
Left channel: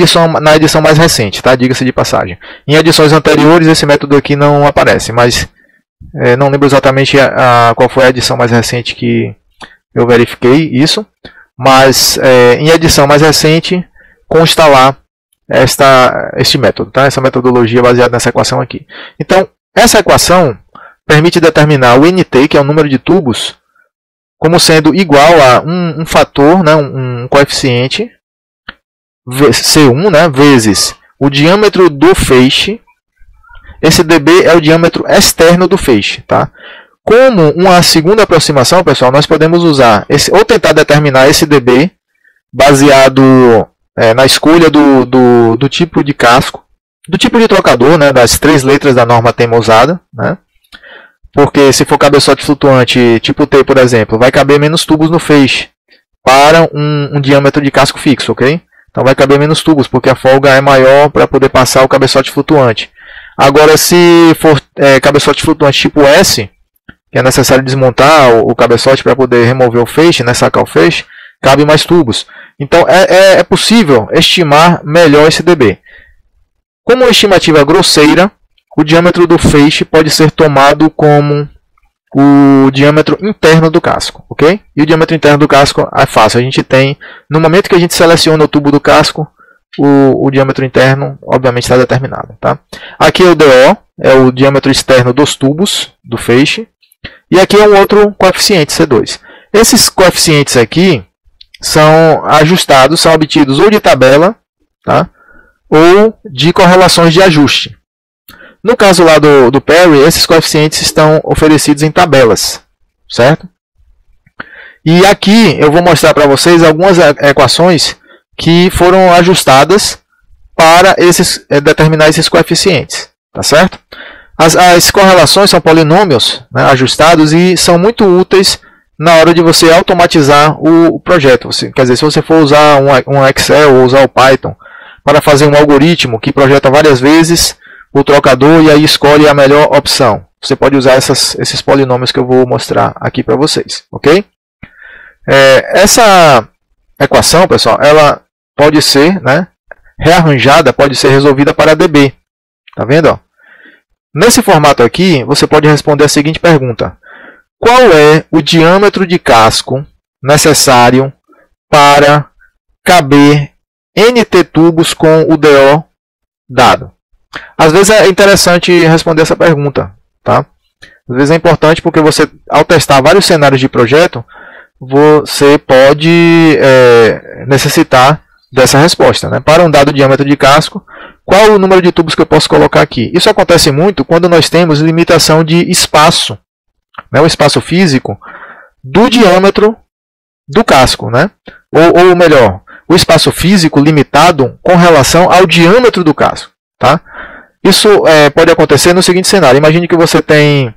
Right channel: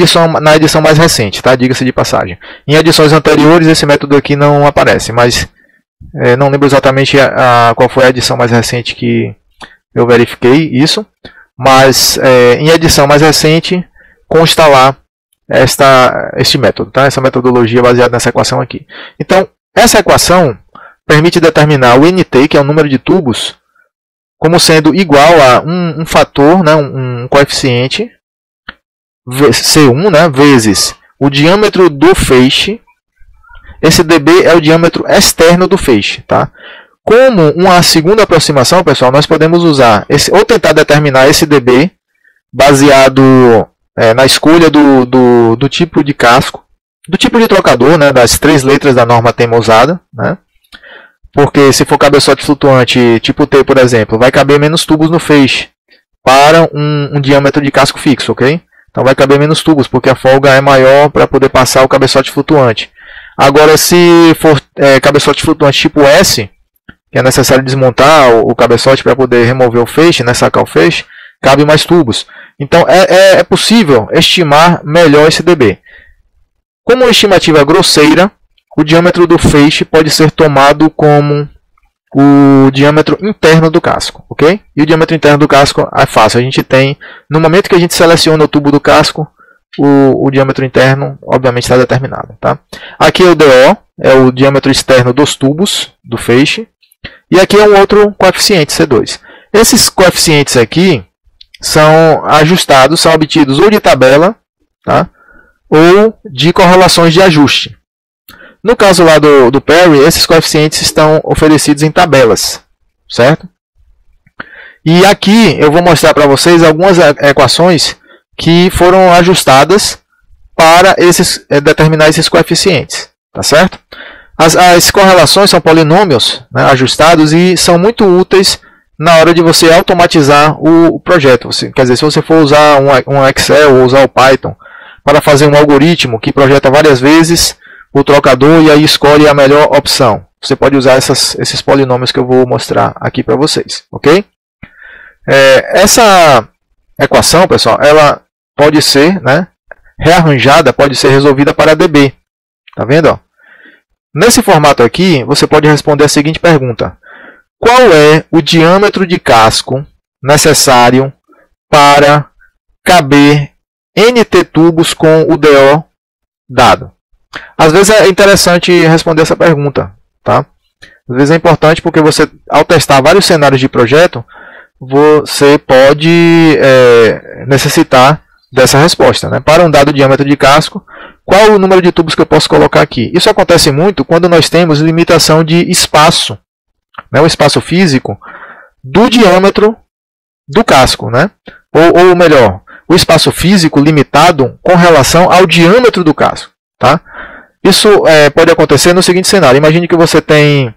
edição mais recente, tá? Diga-se de passagem. Em edições anteriores esse método aqui não aparece, mas não lembro exatamente qual foi a edição mais recente que eu verifiquei isso, mas em edição mais recente consta lá este método, tá? Essa metodologia baseada nessa equação aqui. Então, essa equação permite determinar o NT, que é o número de tubos, como sendo igual a um fator, né, um coeficiente, C1, né, vezes o diâmetro do feixe. Esse dB é o diâmetro externo do feixe. Tá? Como uma segunda aproximação, pessoal, nós podemos usar, ou tentar determinar esse dB baseado na escolha do tipo de casco, do tipo de trocador, né, das 3 letras da norma tema usada, né? Porque se for cabeçote flutuante tipo T, por exemplo, vai caber menos tubos no feixe para um diâmetro de casco fixo, ok? Então vai caber menos tubos, porque a folga é maior para poder passar o cabeçote flutuante. Agora, se for cabeçote flutuante tipo S, que é necessário desmontar o cabeçote para poder remover o feixe, né, sacar o feixe, cabe mais tubos. Então é possível estimar melhor esse dB. Como uma estimativa grosseira, o diâmetro do feixe pode ser tomado como o diâmetro interno do casco, ok? E o diâmetro interno do casco é fácil. A gente tem, no momento que a gente seleciona o tubo do casco, o diâmetro interno, obviamente, está determinado, tá? Aqui é o DO, é o diâmetro externo dos tubos do feixe. E aqui é um outro coeficiente, C2. Esses coeficientes aqui são ajustados, são obtidos ou de tabela, tá? Ou de correlações de ajuste. No caso lá do Perry, esses coeficientes estão oferecidos em tabelas, certo? E aqui eu vou mostrar para vocês algumas equações que foram ajustadas para determinar esses coeficientes, tá certo? As correlações são polinômios, né, ajustados e são muito úteis na hora de você automatizar o projeto. Quer dizer, se você for usar um Excel ou usar o Python para fazer um algoritmo que projeta várias vezes o trocador e aí escolhe a melhor opção. Você pode usar esses polinômios que eu vou mostrar aqui para vocês, ok? Essa equação, pessoal, ela pode ser, né, rearranjada, pode ser resolvida para dB. Nesse formato aqui, você pode responder a seguinte pergunta: qual é o diâmetro de casco necessário para caber NT tubos com o DO dado? Às vezes é interessante responder essa pergunta, tá? Às vezes é importante porque você, ao testar vários cenários de projeto, você pode necessitar dessa resposta, né? Para um dado diâmetro de casco, qual o número de tubos que eu posso colocar aqui? Isso acontece muito quando nós temos limitação de espaço, né? O espaço físico do diâmetro do casco, né? Ou melhor, o espaço físico limitado com relação ao diâmetro do casco, tá? Isso pode acontecer no seguinte cenário. Imagine que você tem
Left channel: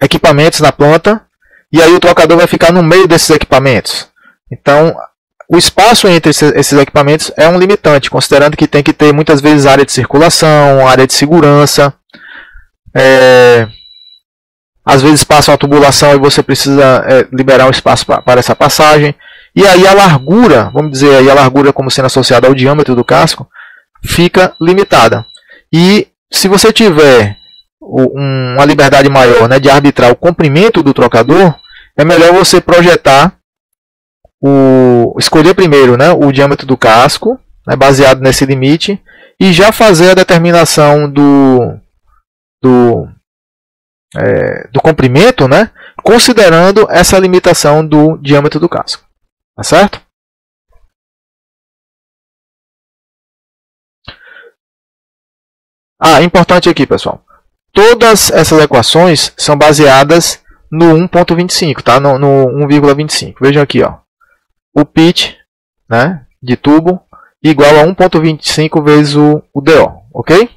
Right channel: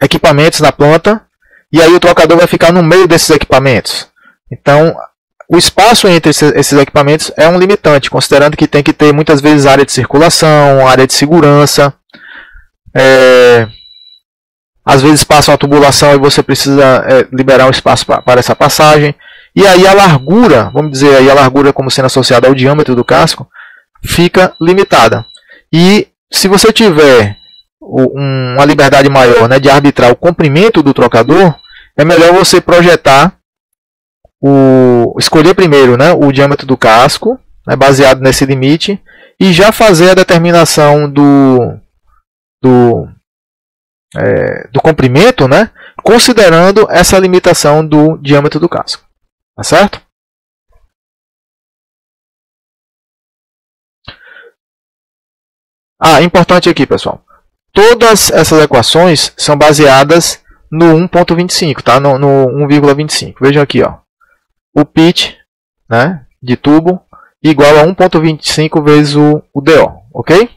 equipamentos na planta e aí o trocador vai ficar no meio desses equipamentos. Então, o espaço entre esses equipamentos é um limitante, considerando que tem que ter muitas vezes área de circulação, área de segurança. Às vezes passa uma tubulação e você precisa liberar um espaço para essa passagem. E aí a largura, vamos dizer aí a largura como sendo associada ao diâmetro do casco, fica limitada. E se você tiver uma liberdade maior, né, de arbitrar o comprimento do trocador, é melhor você projetar, escolher primeiro, né, o diâmetro do casco, né, baseado nesse limite, e já fazer a determinação do comprimento, né, considerando essa limitação do diâmetro do casco. Tá certo? Importante aqui, pessoal. Todas essas equações são baseadas no 1.25, tá? No 1,25. Vejam aqui, ó. O pitch, né, de tubo igual a 1.25 vezes o DO, ok?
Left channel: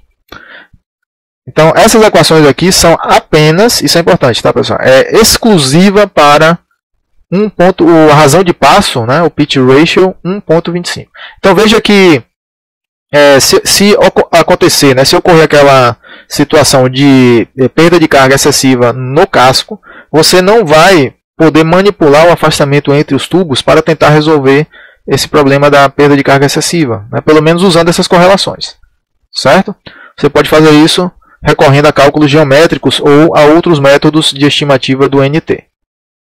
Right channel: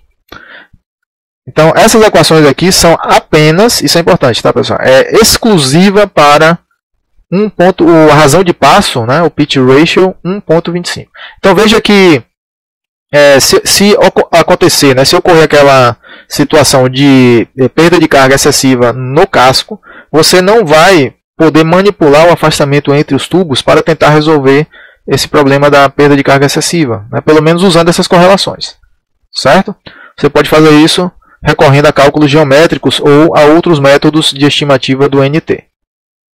Então, essas equações aqui são apenas, isso é importante, tá, pessoal? É exclusiva para a razão de passo, né, o pitch ratio 1.25. Então, veja que se acontecer, né, se ocorrer aquela situação de perda de carga excessiva no casco, você não vai poder manipular o afastamento entre os tubos para tentar resolver esse problema da perda de carga excessiva, né, pelo menos usando essas correlações, certo? Você pode fazer isso recorrendo a cálculos geométricos ou a outros métodos de estimativa do NT.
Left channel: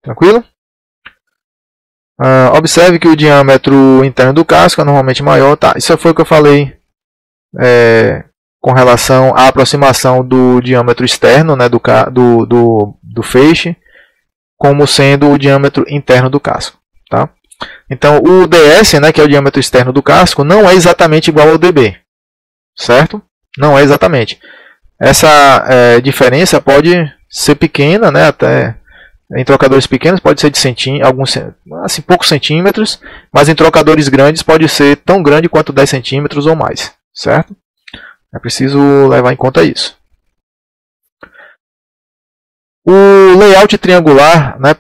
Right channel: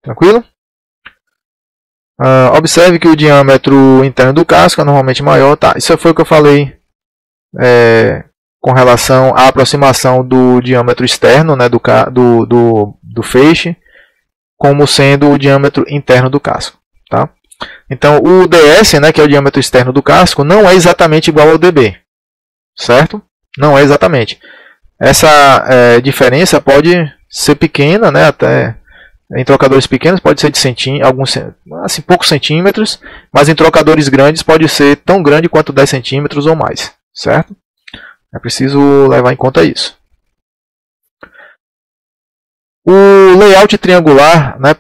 Tranquilo? Observe que o diâmetro interno do casco é normalmente maior. Tá, isso foi o que eu falei com relação à aproximação do diâmetro externo, né, do feixe, como sendo o diâmetro interno do casco. Tá? Então, o ds, né, que é o diâmetro externo do casco, não é exatamente igual ao dB. Certo? Não é exatamente. Essa diferença pode ser pequena, né, até em trocadores pequenos pode ser de alguns, assim, poucos centímetros, mas em trocadores grandes pode ser tão grande quanto 10 centímetros ou mais. Certo? É preciso levar em conta isso. O layout triangular, né,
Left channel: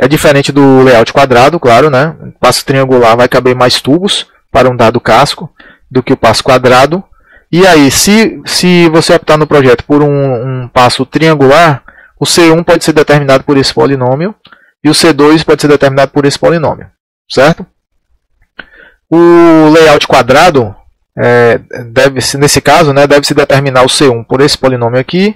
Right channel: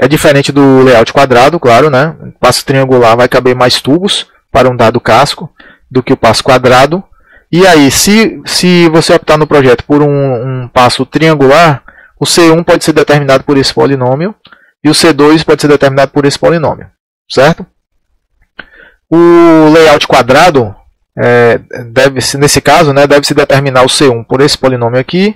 é diferente do layout quadrado, claro, né? O passo triangular vai caber mais tubos para um dado casco do que o passo quadrado. E aí, se você optar no projeto por um passo triangular, o C1 pode ser determinado por esse polinômio e o C2 pode ser determinado por esse polinômio, certo? O layout quadrado, nesse caso, né, deve-se determinar o C1 por esse polinômio aqui.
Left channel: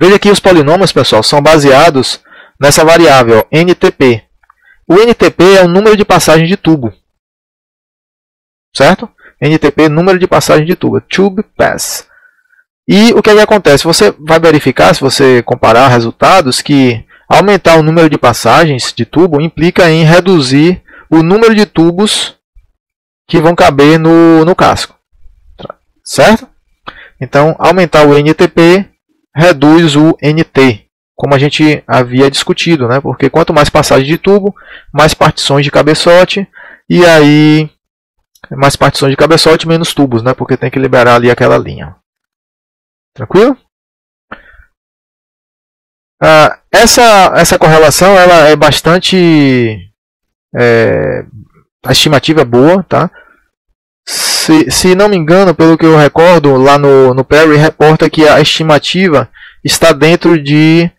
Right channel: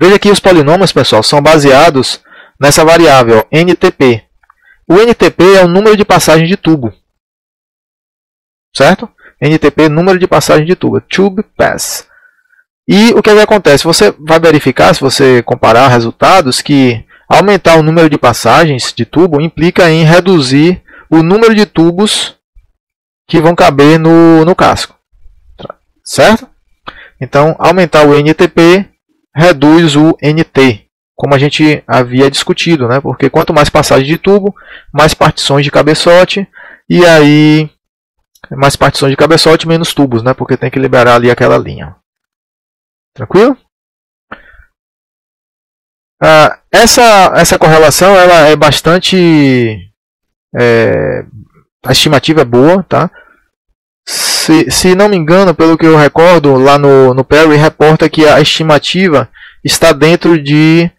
Veja que os polinômios, pessoal, são baseados nessa variável NTP. O NTP é o número de passagem de tubo, certo? NTP, número de passagem de tubo, Tube Pass. E o que acontece? Você vai verificar, se você comparar resultados, que aumentar o número de passagens de tubo implica em reduzir o número de tubos que vão caber no casco. Certo? Então, aumentar o NTP reduz o NT, como a gente havia discutido, né? Porque quanto mais passagem de tubo, mais partições de cabeçote, e aí mais partições de cabeçote, menos tubos, né? Porque tem que liberar ali aquela linha. Tranquilo? Essa correlação ela é bastante... a estimativa é boa, tá? Se não me engano, pelo que eu recordo, lá no Perry reporta que a estimativa está dentro de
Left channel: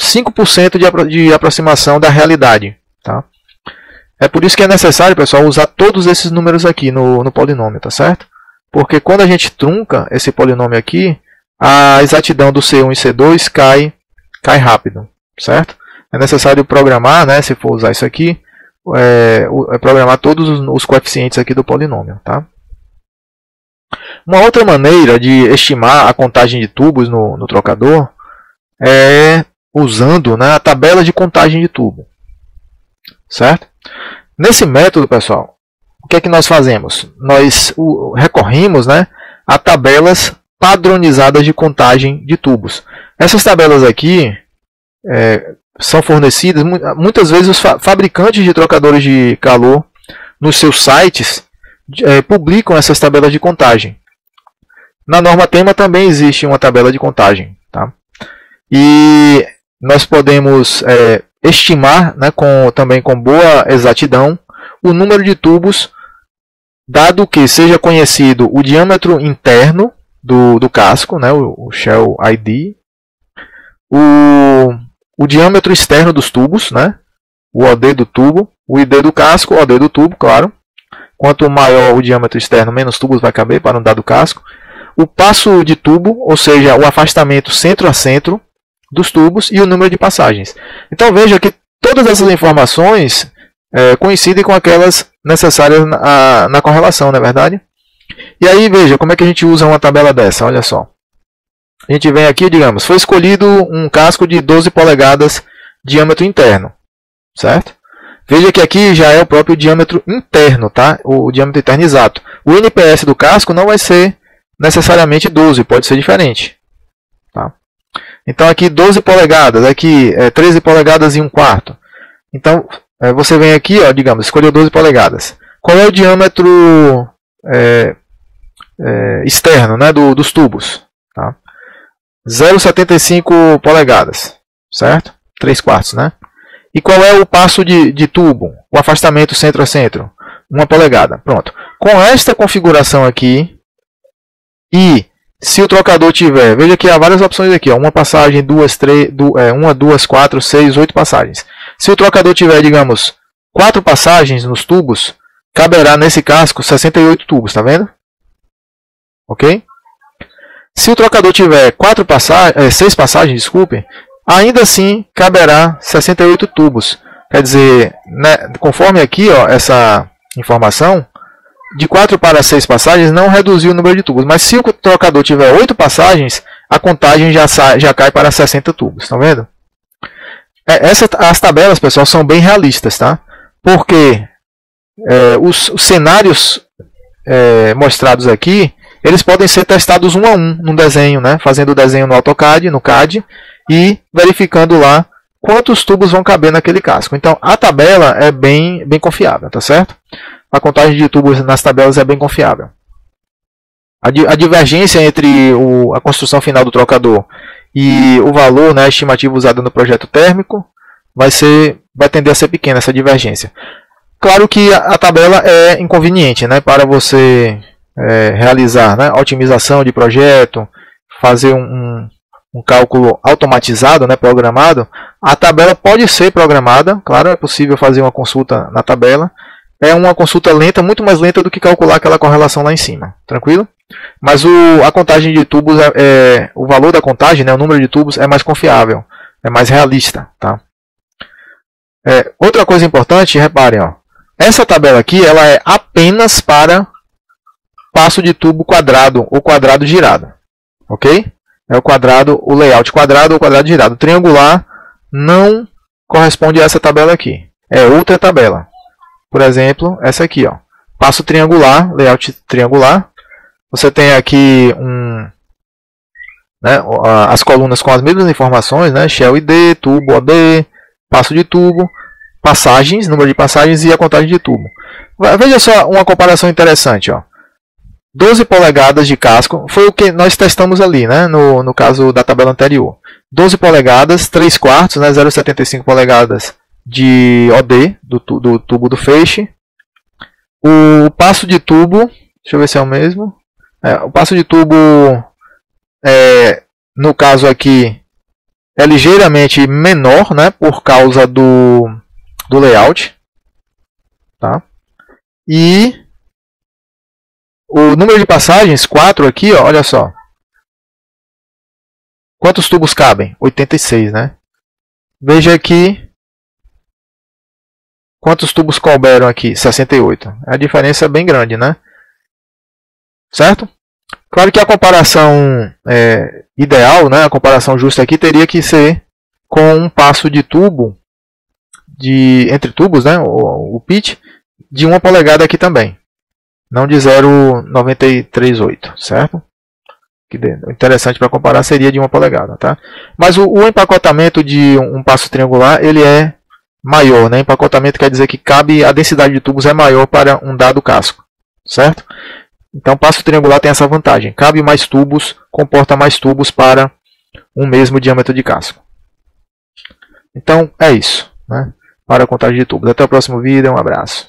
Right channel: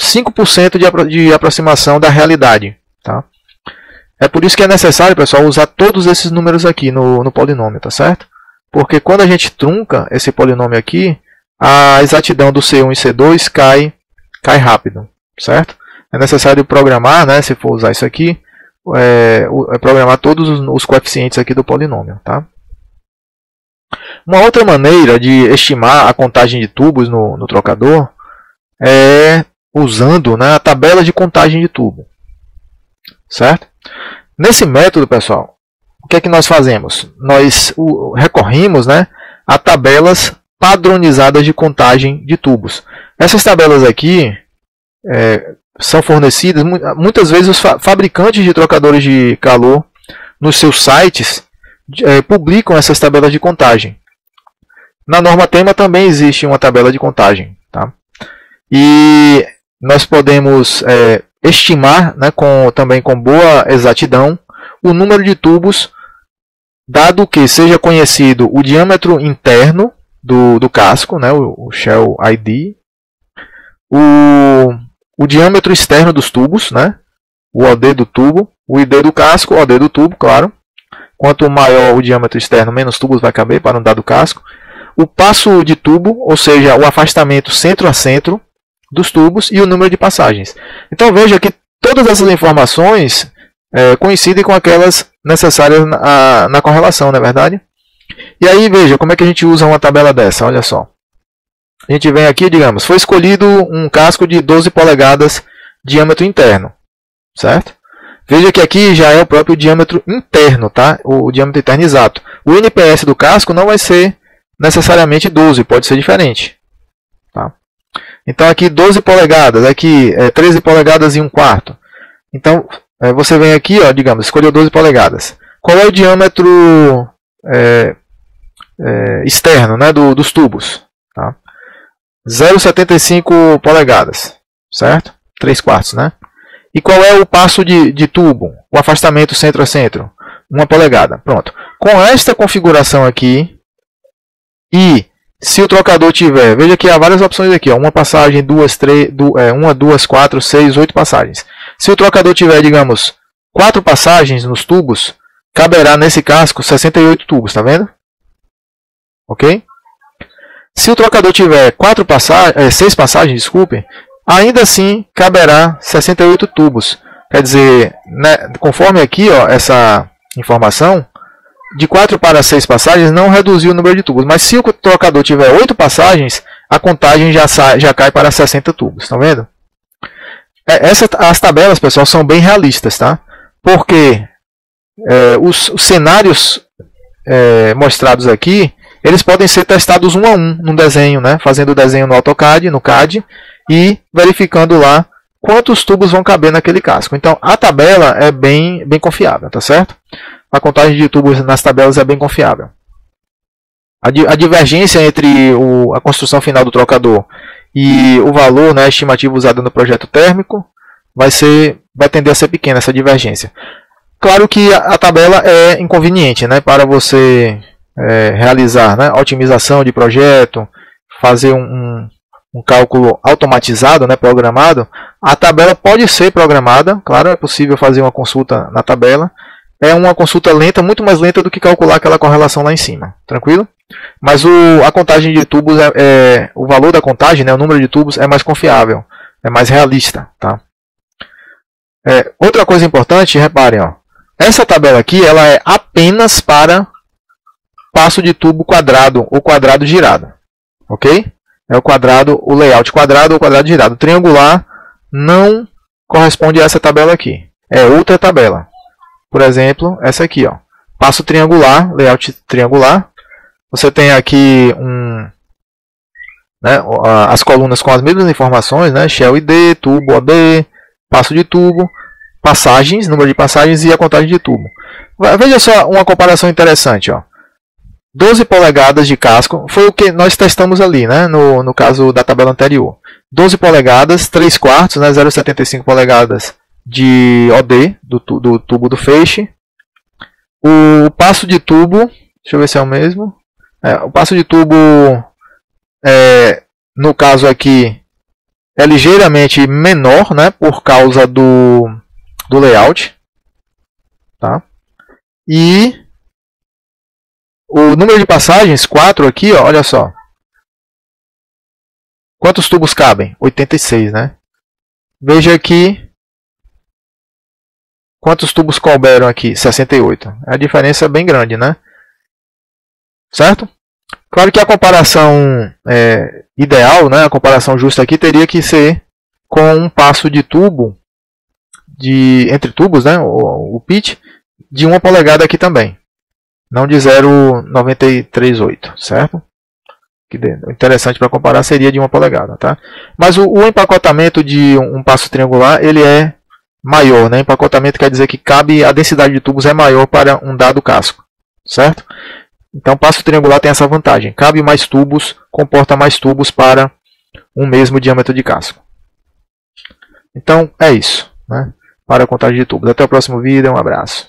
5% de aproximação da realidade. Tá? É por isso que é necessário, pessoal, usar todos esses números aqui no polinômio, tá certo? Porque quando a gente trunca esse polinômio aqui, a exatidão do C1 e C2 cai rápido, certo? É necessário programar, né, se for usar isso aqui, programar todos os coeficientes aqui do polinômio, tá? Uma outra maneira de estimar a contagem de tubos no trocador é usando, né, a tabela de contagem de tubo. Certo? Nesse método, pessoal, o que é que nós fazemos? Nós recorrimos, né, a tabelas padronizadas de contagem de tubos. Essas tabelas aqui são fornecidas, muitas vezes os fabricantes de trocadores de calor, nos seus sites, publicam essas tabelas de contagem. Na norma tema também existe uma tabela de contagem. Tá? E nós podemos estimar, né, também com boa exatidão o número de tubos, dado que seja conhecido o diâmetro interno do casco, né, o Shell ID, o diâmetro externo dos tubos, né, o OD do tubo, o ID do casco, o OD do tubo, claro. Quanto maior o diâmetro externo, menos tubos vai caber para um dado casco. O passo de tubo, ou seja, o afastamento centro a centro dos tubos e o número de passagens. Então veja que todas essas informações coincidem com aquelas necessárias na correlação, não é verdade? E aí veja como é que a gente usa uma tabela dessa, olha só. A gente vem aqui, digamos, foi escolhido um casco de 12 polegadas diâmetro interno, certo? Veja que aqui já é o próprio diâmetro interno, tá? O diâmetro interno exato. O NPS do casco não vai ser necessariamente 12, pode ser diferente. Tá? Então aqui 12 polegadas, aqui 13 polegadas e 1/4. Então você vem aqui, ó, digamos, escolheu 12 polegadas. Qual é o diâmetro externo, né, dos tubos? Tá? 0,75 polegadas, certo? 3/4, né? E qual é o passo de tubo? O afastamento centro a centro? 1 polegada. Pronto. Com esta configuração aqui, e se o trocador tiver, veja que há várias opções aqui, ó, uma passagem, 1, 2, 4, 6, 8 passagens. Se o trocador tiver, digamos, 4 passagens nos tubos, caberá nesse casco 68 tubos, tá vendo? Okay. Se o trocador tiver 6 passagens, desculpe, ainda assim caberá 68 tubos. Quer dizer, né, conforme aqui, ó, essa informação, de 4 para 6 passagens não reduziu o número de tubos. Mas se o trocador tiver 8 passagens, a contagem já cai para 60 tubos. Estão vendo? As tabelas, pessoal, são bem realistas, tá? Porque os cenários mostrados aqui, eles podem ser testados um a um no desenho, né? Fazendo o desenho no AutoCAD, no CAD, e verificando lá quantos tubos vão caber naquele casco. Então, a tabela é bem confiável, tá certo? A contagem de tubos nas tabelas é bem confiável. A divergência entre a construção final do trocador e o valor, né, estimativo usado no projeto térmico vai tender a ser pequena, essa divergência. Claro que a tabela é inconveniente, né, para você realizar, né, otimização de projeto, fazer um cálculo automatizado, né, programado. A tabela pode ser programada, claro, é possível fazer uma consulta na tabela. É uma consulta lenta, muito mais lenta do que calcular aquela correlação lá em cima. Tranquilo? Mas a contagem de tubos, o valor da contagem, né, o número de tubos, é mais confiável, é mais realista. Tá? Outra coisa importante, reparem, ó, essa tabela aqui ela é apenas para passo de tubo quadrado ou quadrado girado. Ok? É o layout quadrado ou quadrado girado. Triangular não corresponde a essa tabela aqui. É outra tabela. Por exemplo, essa aqui, ó. Passo triangular, layout triangular. Você tem aqui as colunas com as mesmas informações, né? Shell ID, tubo OD, passo de tubo, passagens, número de passagens e a contagem de tubo. Veja só uma comparação interessante, ó. 12 polegadas de casco foi o que nós testamos ali, né? No caso da tabela anterior. 12 polegadas, 3/4, né? 0,75 polegadas de OD, do tubo do feixe. O passo de tubo, deixa eu ver se é o mesmo. O passo de tubo, no caso aqui, é ligeiramente menor, né, por causa do layout. Tá? E o número de passagens, 4 aqui, ó, olha só. Quantos tubos cabem? 86, né? Veja aqui. Quantos tubos couberam aqui? 68. A diferença é bem grande, né? Certo? Claro que a comparação ideal, né? A comparação justa aqui teria que ser com um passo de tubo, entre tubos, né, o pitch, de 1 polegada aqui também. Não de 0,938, certo? Que interessante para comparar seria de 1 polegada, tá? Mas o empacotamento de um passo triangular, ele é maior, né? Empacotamento quer dizer que a densidade de tubos é maior para um dado casco, certo? Então o passo triangular tem essa vantagem. Cabe mais tubos, comporta mais tubos para um mesmo diâmetro de casco. Então é isso, né? Para a contagem de tubos. Até o próximo vídeo, um abraço.